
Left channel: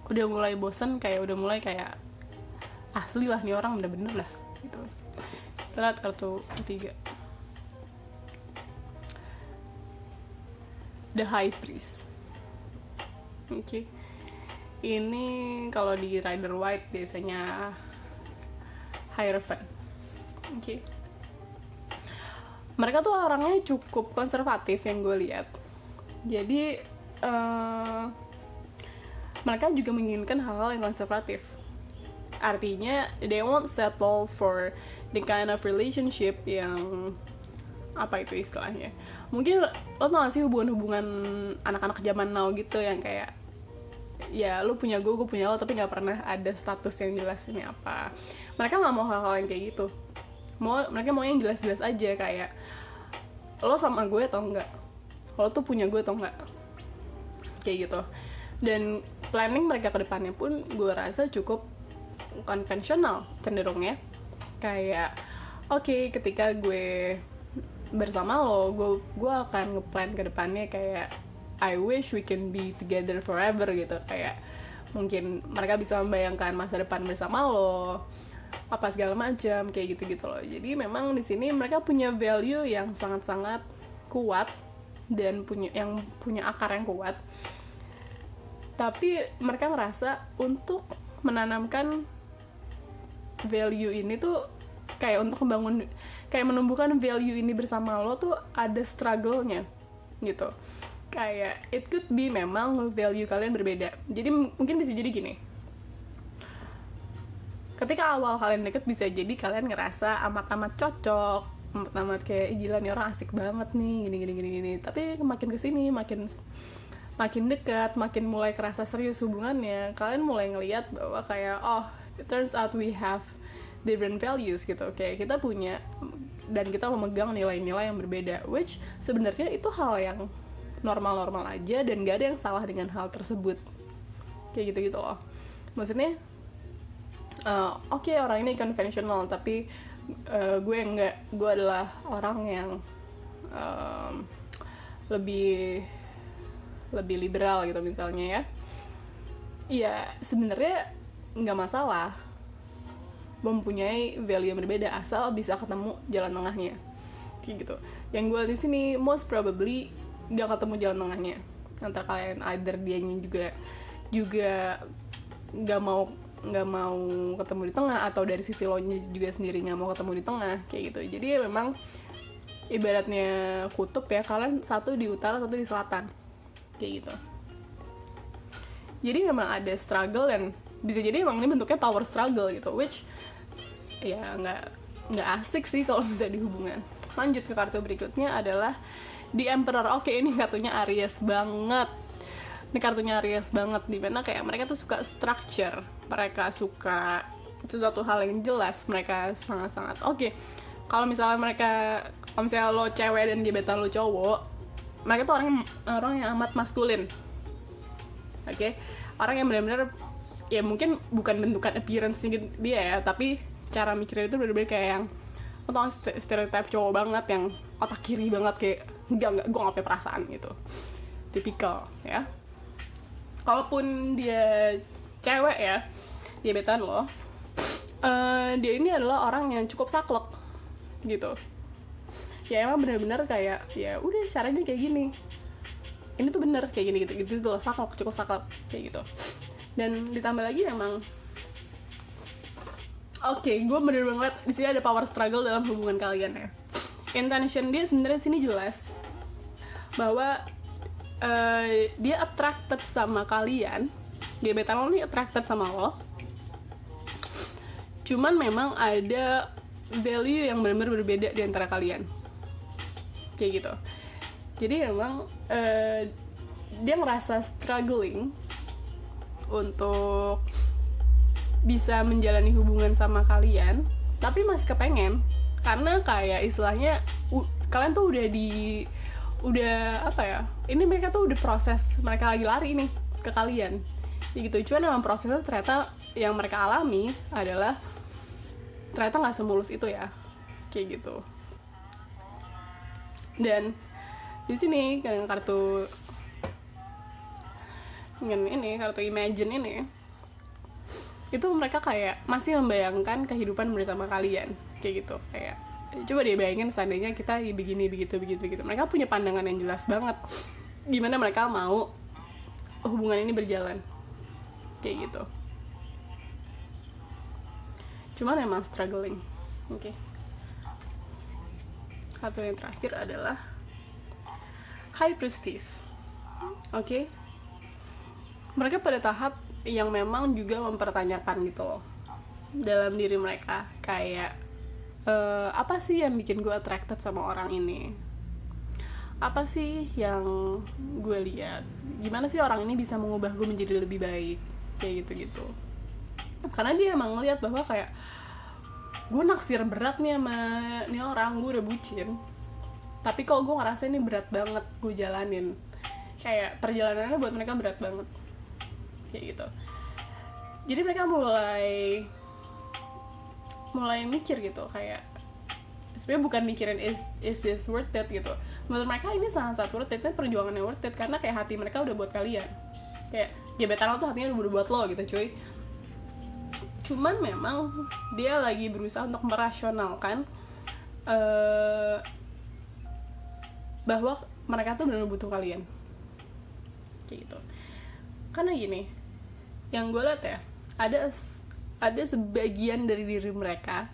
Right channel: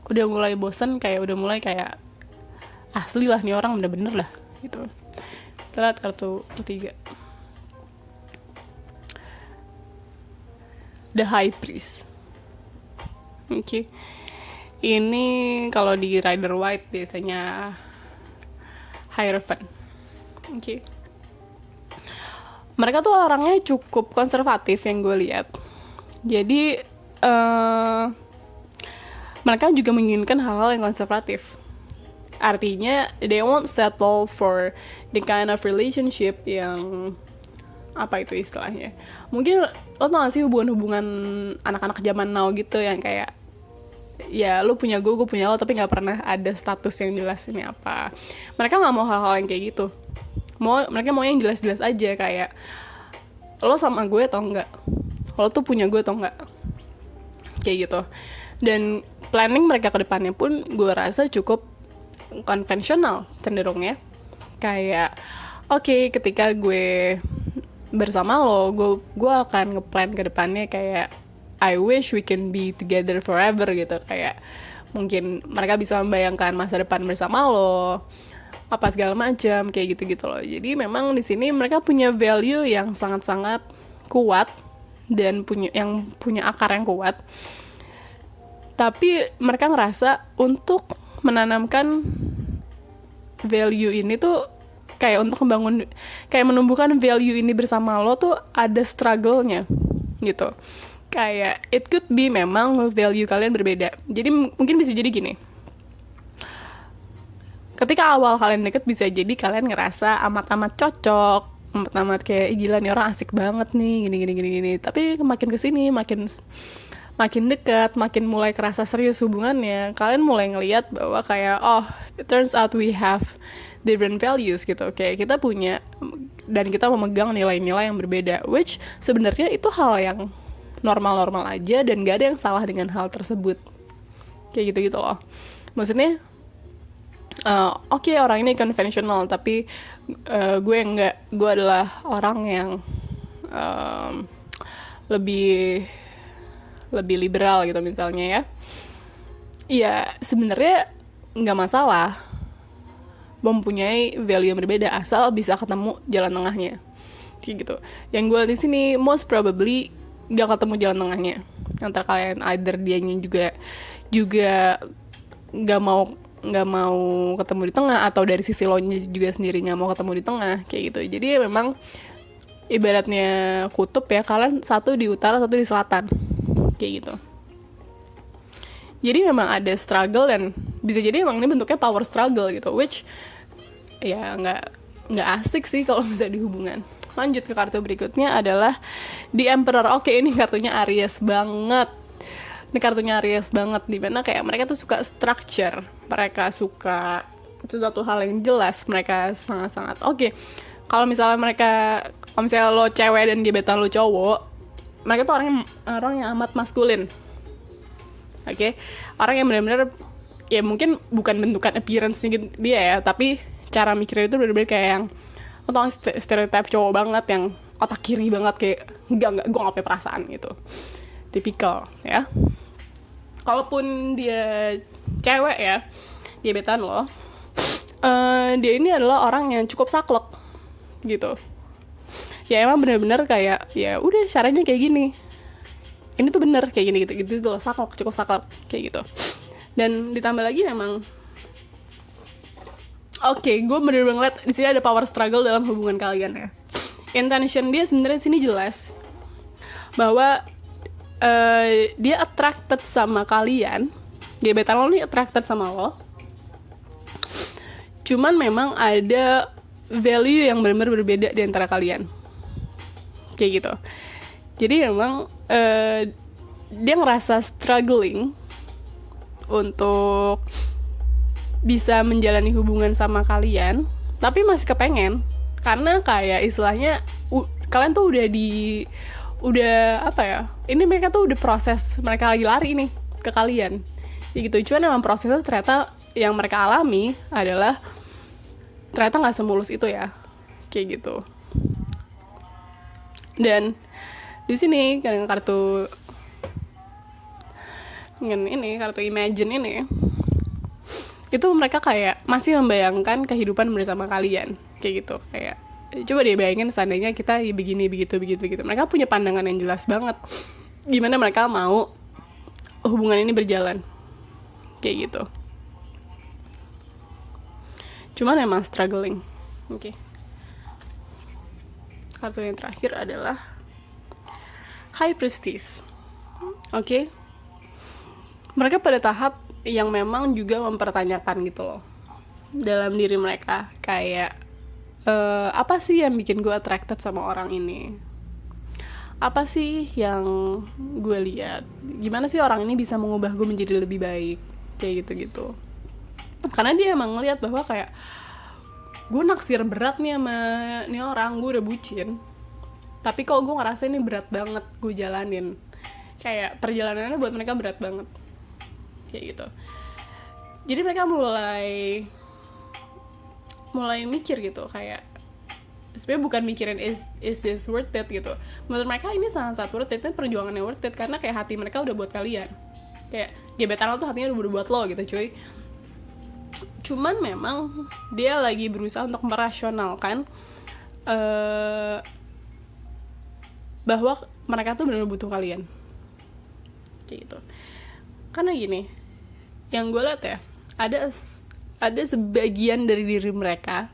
udah mulai bosen, kayak udah mulai kayak asli lah nih orang bener-bener lah gitu. Kita lihat kartu ketiga, The High Priest. Oke. Ini kalau di Rider White biasanya Hierophant. Oke. Mereka tuh orangnya cukup konservatif yang gue lihat. Jadi mereka juga menginginkan hal-hal yang konservatif. Artinya they won't settle for the kind of relationship yang apa itu istilahnya. Mungkin lo tau gak sih hubungan-hubungan anak-anak zaman now gitu yang kayak ya lo punya gue punya lo, tapi gak pernah ada status yang jelas ini apa. Mereka gak mau hal-hal yang kayak gitu. Mereka mau yang jelas-jelas aja, kayak lo sama gue atau enggak, lo tuh punya gue atau enggak, kayak gitu. Dan planning mereka ke depannya pun gue rasa cukup konvensional cenderungnya. Kayak oke, ketika gue bersama lo, gue akan ngeplan ke depannya kayak I wish we can be together forever gitu, kayak mungkin mereka bisa membayangkan masa depan bersama lo, apa segala macam kayak gitu-gitu loh. Jadi memang di sini mereka punya value yang sangat-sangat kuat dan punya akar yang kuat. Tapi mereka ngerasa untuk menanamkan value ini tuh kayak untuk menumbuhkan value ini bersama lo tuh ada struggle-nya gitu. Kayak it could be memang value kalian berbeda. Jadi mungkin bisa jadi gini. Ketika awal kalian deket bisa jadi kalian ngerasa amat-amat cocok, amat-amat kayak gila nih orang asik banget nih, gini. Tapi makin kesini makin dekat, makin mulai kerasa serius hubungannya, kalian mulai ngelihat bahwa kayak it turns out we have different values gitu. Kayak kita punya dan kita memegang nilai-nilai yang berbeda, which sebenarnya itu hal yang normal-normal aja dan gak ada yang salah dengan hal tersebut. Kayak gitu-gitu loh. Maksudnya orang ini konvensional, tapi gue enggak. Gue adalah orang yang lebih liberal gitu misalnya ya. Iya, sebenarnya nggak masalah mempunyai value yang berbeda asal bisa ketemu jalan tengahnya. Kayak gitu. Yang gue di sini most probably nggak ketemu jalan tengahnya antara kalian, either dianya juga nggak mau ketemu di tengah, atau dari sisi lo juga sendiri nggak mau ketemu di tengah kayak gitu. Jadi memang ibaratnya kutub ya, kalian satu di utara satu di selatan kayak gitu. Jadi memang ada struggle dan bisa jadi emang ini bentuknya power struggle gitu, which ya nggak asik sih kalau bisa di hubungan. Lanjut ke kartu berikutnya adalah The Emperor. Oke, ini kartunya Aries banget. Ini kartunya Aries banget, dimana kayak mereka tuh suka structure, mereka suka sesuatu hal yang jelas, mereka sangat-sangat kalau misalnya lo cewek dan gebetan lo cowok, mereka tuh orang yang amat maskulin. Orang yang benar-benar ya mungkin bukan bentukan appearance-nya dia ya, tapi cara mikirnya itu benar-benar kayak yang stereotip cowok banget, yang otak kiri banget, kayak enggak gue nggak punya perasaan gitu, tipikal ya. Kalaupun dia cewek ya, gebetan lo, dia ini adalah orang yang cukup saklek gitu. Ya emang benar-benar kayak ya udah caranya kayak gini, ini tuh bener kayak gini gitu loh, cukup saklek kayak gitu. Dan ditambah lagi memang gue bener-bener ngeliat di sini ada power struggle dalam hubungan kalian ya. Intention dia sebenarnya di sini jelas bahwa dia attracted sama kalian, gebetan lo nih attracted sama lo. Cuman memang ada value yang benar-benar berbeda di antara kalian, kayak gitu. Jadi memang dia ngerasa struggling untuk bisa menjalani hubungan sama kalian, tapi masih kepengen, karena kayak istilahnya kalian tuh udah apa ya, ini mereka tuh udah proses, mereka lagi lari nih ke kalian ya gitu. Cuman emang prosesnya ternyata yang mereka alami adalah ternyata nggak semulus itu ya, kayak gitu. Dan di sini dengan kartu Imagine ini, itu mereka kayak masih membayangkan kehidupan bersama kalian kayak gitu. Kayak coba deh bayangin seandainya kita begini begitu. Mereka punya pandangan yang jelas banget gimana mereka mau hubungan ini berjalan kayak gitu. Cuman emang struggling. Kartu yang terakhir adalah High Priestess. Mereka pada tahap yang memang juga mempertanyakan gitu loh dalam diri mereka, kayak apa sih yang bikin gue attracted sama orang ini, apa sih yang gue lihat, gimana sih orang ini bisa mengubah gue menjadi lebih baik, kayak gitu. Karena dia emang ngeliat bahwa kayak gue naksir berat nih sama nih orang, gue udah bucin, tapi kok gue ngerasa ini berat banget gue jalanin, kayak perjalanannya buat mereka berat banget kayak gitu. Jadi mereka mulai mikir gitu, kayak sebenarnya bukan mikirin is this worth it gitu. Menurut mereka ini sangat worth it, dan perjuangannya worth it karena kayak hati mereka udah buat kalian. Kayak gebetan lo tuh hatinya udah buat lo gitu cuy. Cuman memang dia lagi berusaha untuk merasionalkan bahwa mereka tuh benar-benar butuh kalian kayak gitu. Karena gini, yang gue lihat ya, ada sebagian dari diri mereka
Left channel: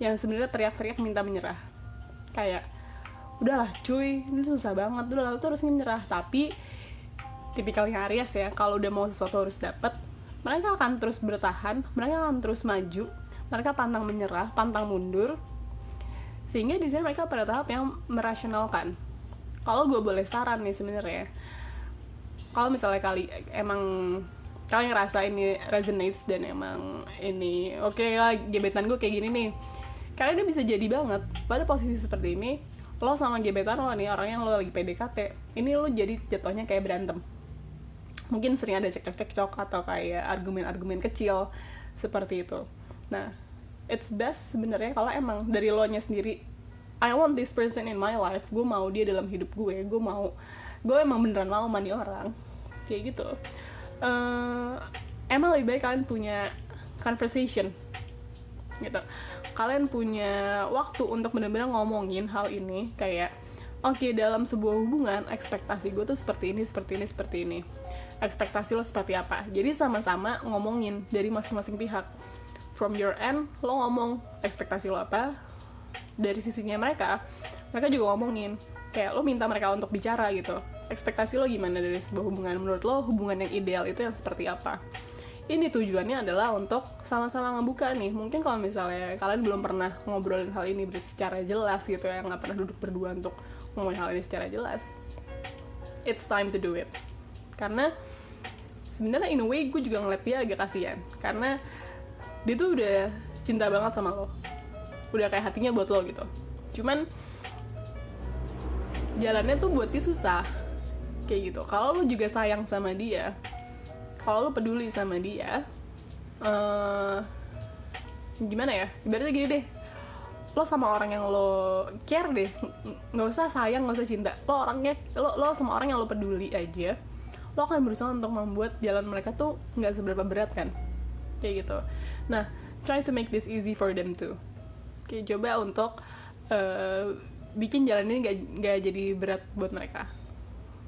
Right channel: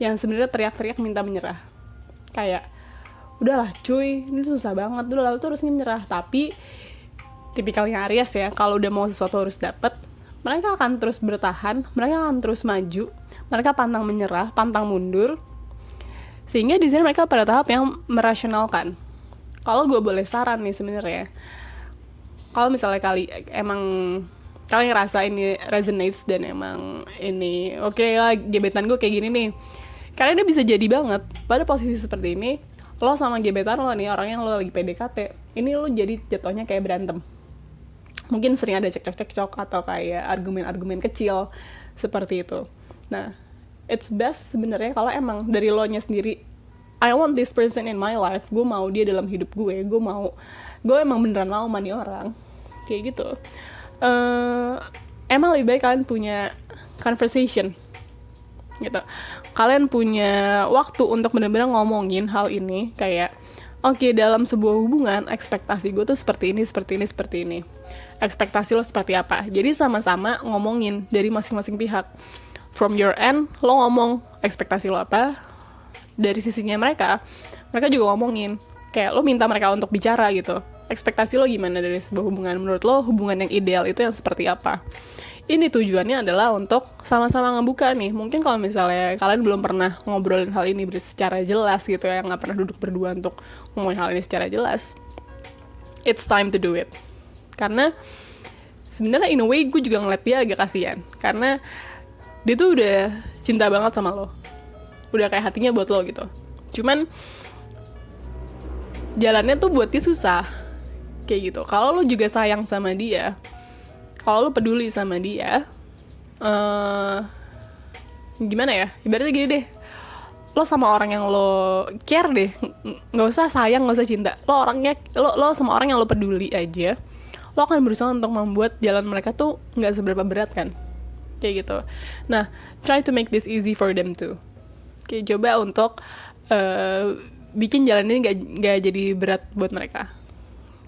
yang sebenarnya teriak-teriak minta menyerah, kayak udahlah cuy, ini susah banget, udah tuh harus menyerah. Tapi tipikalnya Aries ya, kalau udah mau sesuatu harus dapat, mereka akan terus bertahan, mereka akan terus maju, mereka pantang menyerah, pantang mundur. Sehingga di sini mereka pada tahap yang merasionalkan. Kalau gue boleh saran nih sebenarnya, kalau misalnya kalian ngerasa ini resonates dan emang ini oke lah, gebetan gue kayak gini nih, karena dia bisa jadi banget pada posisi seperti ini. Lo sama gebetan lo nih, orang yang lo lagi PDKT, ini lo jadi jatuhnya kayak berantem. Mungkin sering ada cekcok atau kayak argumen-argumen kecil seperti itu. Nah, it's best sebenarnya kalau emang dari lo nya sendiri, I want this person in my life, gue mau dia dalam hidup gue emang beneran mau sama nih orang kayak gitu. Emang lebih baik kalian punya conversation gitu, kalian punya waktu untuk benar-benar ngomongin hal ini. Kayak oke, dalam sebuah hubungan ekspektasi gue tuh seperti ini, ekspektasi lo seperti apa. Jadi sama-sama ngomongin dari masing-masing pihak. From your end, lo ngomong ekspektasi lo apa, dari sisinya mereka juga ngomongin. Kayak lo minta mereka untuk bicara gitu, ekspektasi lo gimana dari sebuah hubungan, menurut lo hubungan yang ideal itu yang seperti apa. Ini tujuannya adalah untuk sama-sama ngebuka nih. Mungkin kalau misalnya kalian belum pernah ngobrolin hal ini secara jelas gitu ya, nggak pernah duduk berdua untuk ngomongin hal ini secara jelas, it's time to do it. Karena sebenarnya in a way gue juga ngeliat dia agak kasihan, karena dia tuh udah cinta banget sama lo, udah kayak hatinya buat lo gitu. Cuman jalannya tuh buat dia susah kayak gitu. Kalau lo juga sayang sama dia, kalau lo peduli sama dia, gimana ya, ibaratnya gini deh, lo sama orang yang lo care deh, nggak usah sayang, nggak usah cinta, lo sama orang yang lo peduli aja, lo akan berusaha untuk membuat jalan mereka tuh nggak seberapa berat kan, kayak gitu. Nah, try to make this easy for them too. Kayak coba untuk bikin jalan ini nggak jadi berat buat mereka,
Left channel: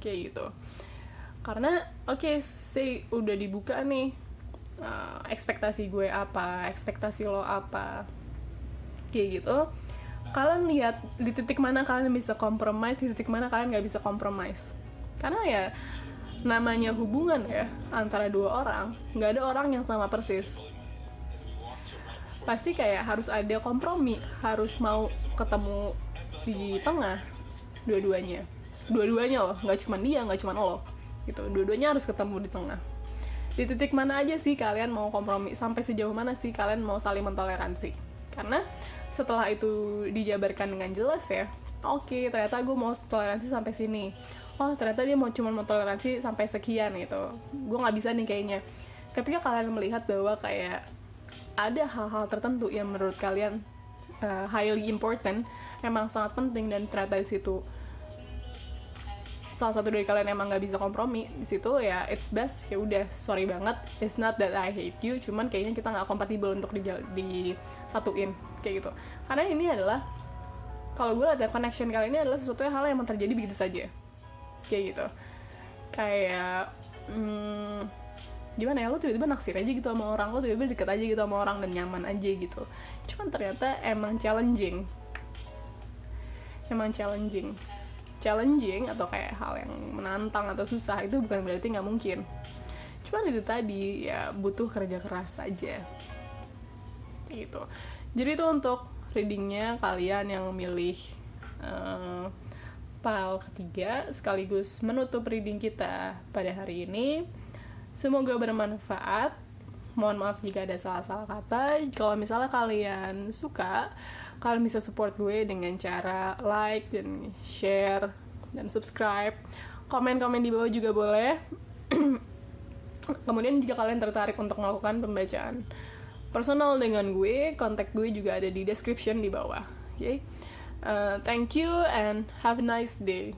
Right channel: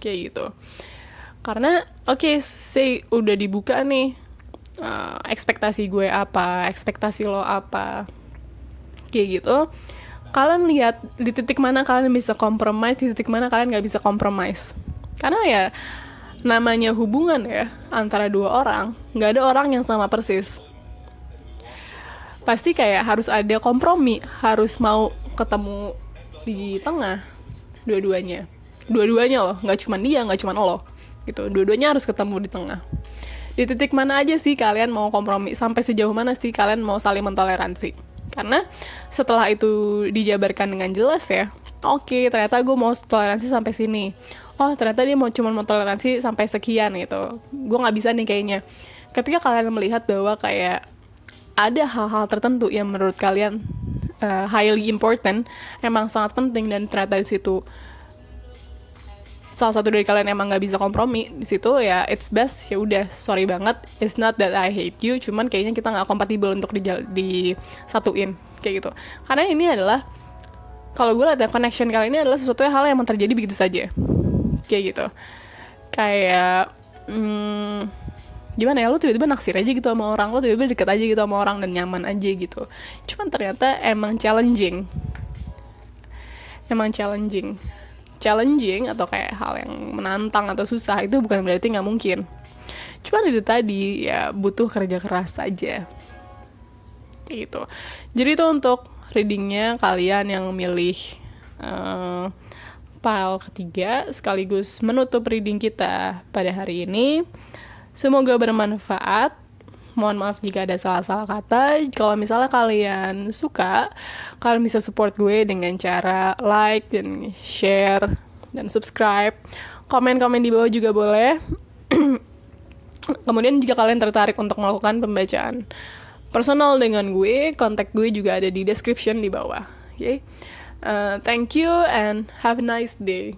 kayak gitu. Karena oke, say udah dibuka nih, ekspektasi gue apa, ekspektasi lo apa, kayak gitu. Kalian lihat di titik mana kalian bisa compromise, di titik mana kalian nggak bisa compromise. Karena ya namanya hubungan ya, antara dua orang, nggak ada orang yang sama persis. Pasti kayak harus ada kompromi, harus mau ketemu di tengah, dua-duanya loh, nggak cuma dia, nggak cuma lo gitu, dua-duanya harus ketemu di tengah. Di titik mana aja sih kalian mau kompromi, sampai sejauh mana sih kalian mau saling mentoleransi. Karena setelah itu dijabarkan dengan jelas ya, oke, ternyata gue mau toleransi sampai sini, oh ternyata dia cuma mau toleransi sampai sekian gitu, gue nggak bisa nih kayaknya. Ketika kalian melihat bahwa kayak ada hal-hal tertentu yang menurut kalian highly important, emang sangat penting, dan ternyata di situ salah satu dari kalian emang nggak bisa kompromi di situ, ya it's best, ya udah, sorry banget, it's not that I hate you, cuman kayaknya kita nggak kompatibel untuk disatuin kayak gitu. Karena ini adalah, kalau gue lihat ya, connection kali ini adalah sesuatu hal yang terjadi begitu saja kayak gitu. Kayak gimana ya, lo tiba-tiba naksir aja gitu sama orang, lo tiba-tiba deket aja gitu sama orang dan nyaman aja gitu. Cuman ternyata emang challenging atau kayak hal yang menantang atau susah, itu bukan berarti nggak mungkin. Cuman itu tadi ya, butuh kerja keras aja kayak gitu. Jadi itu untuk readingnya kalian yang milih file ketiga, sekaligus menutup reading kita pada hari ini. Semoga bermanfaat. Mohon maaf jika ada salah-salah kata. Kalau misalnya kalian suka, kalian bisa support gue dengan cara like dan share dan subscribe. Komen-komen di bawah juga boleh. Kemudian jika kalian tertarik untuk melakukan pembacaan personal dengan gue, kontak gue juga ada di description di bawah Okay, thank you and have a nice day.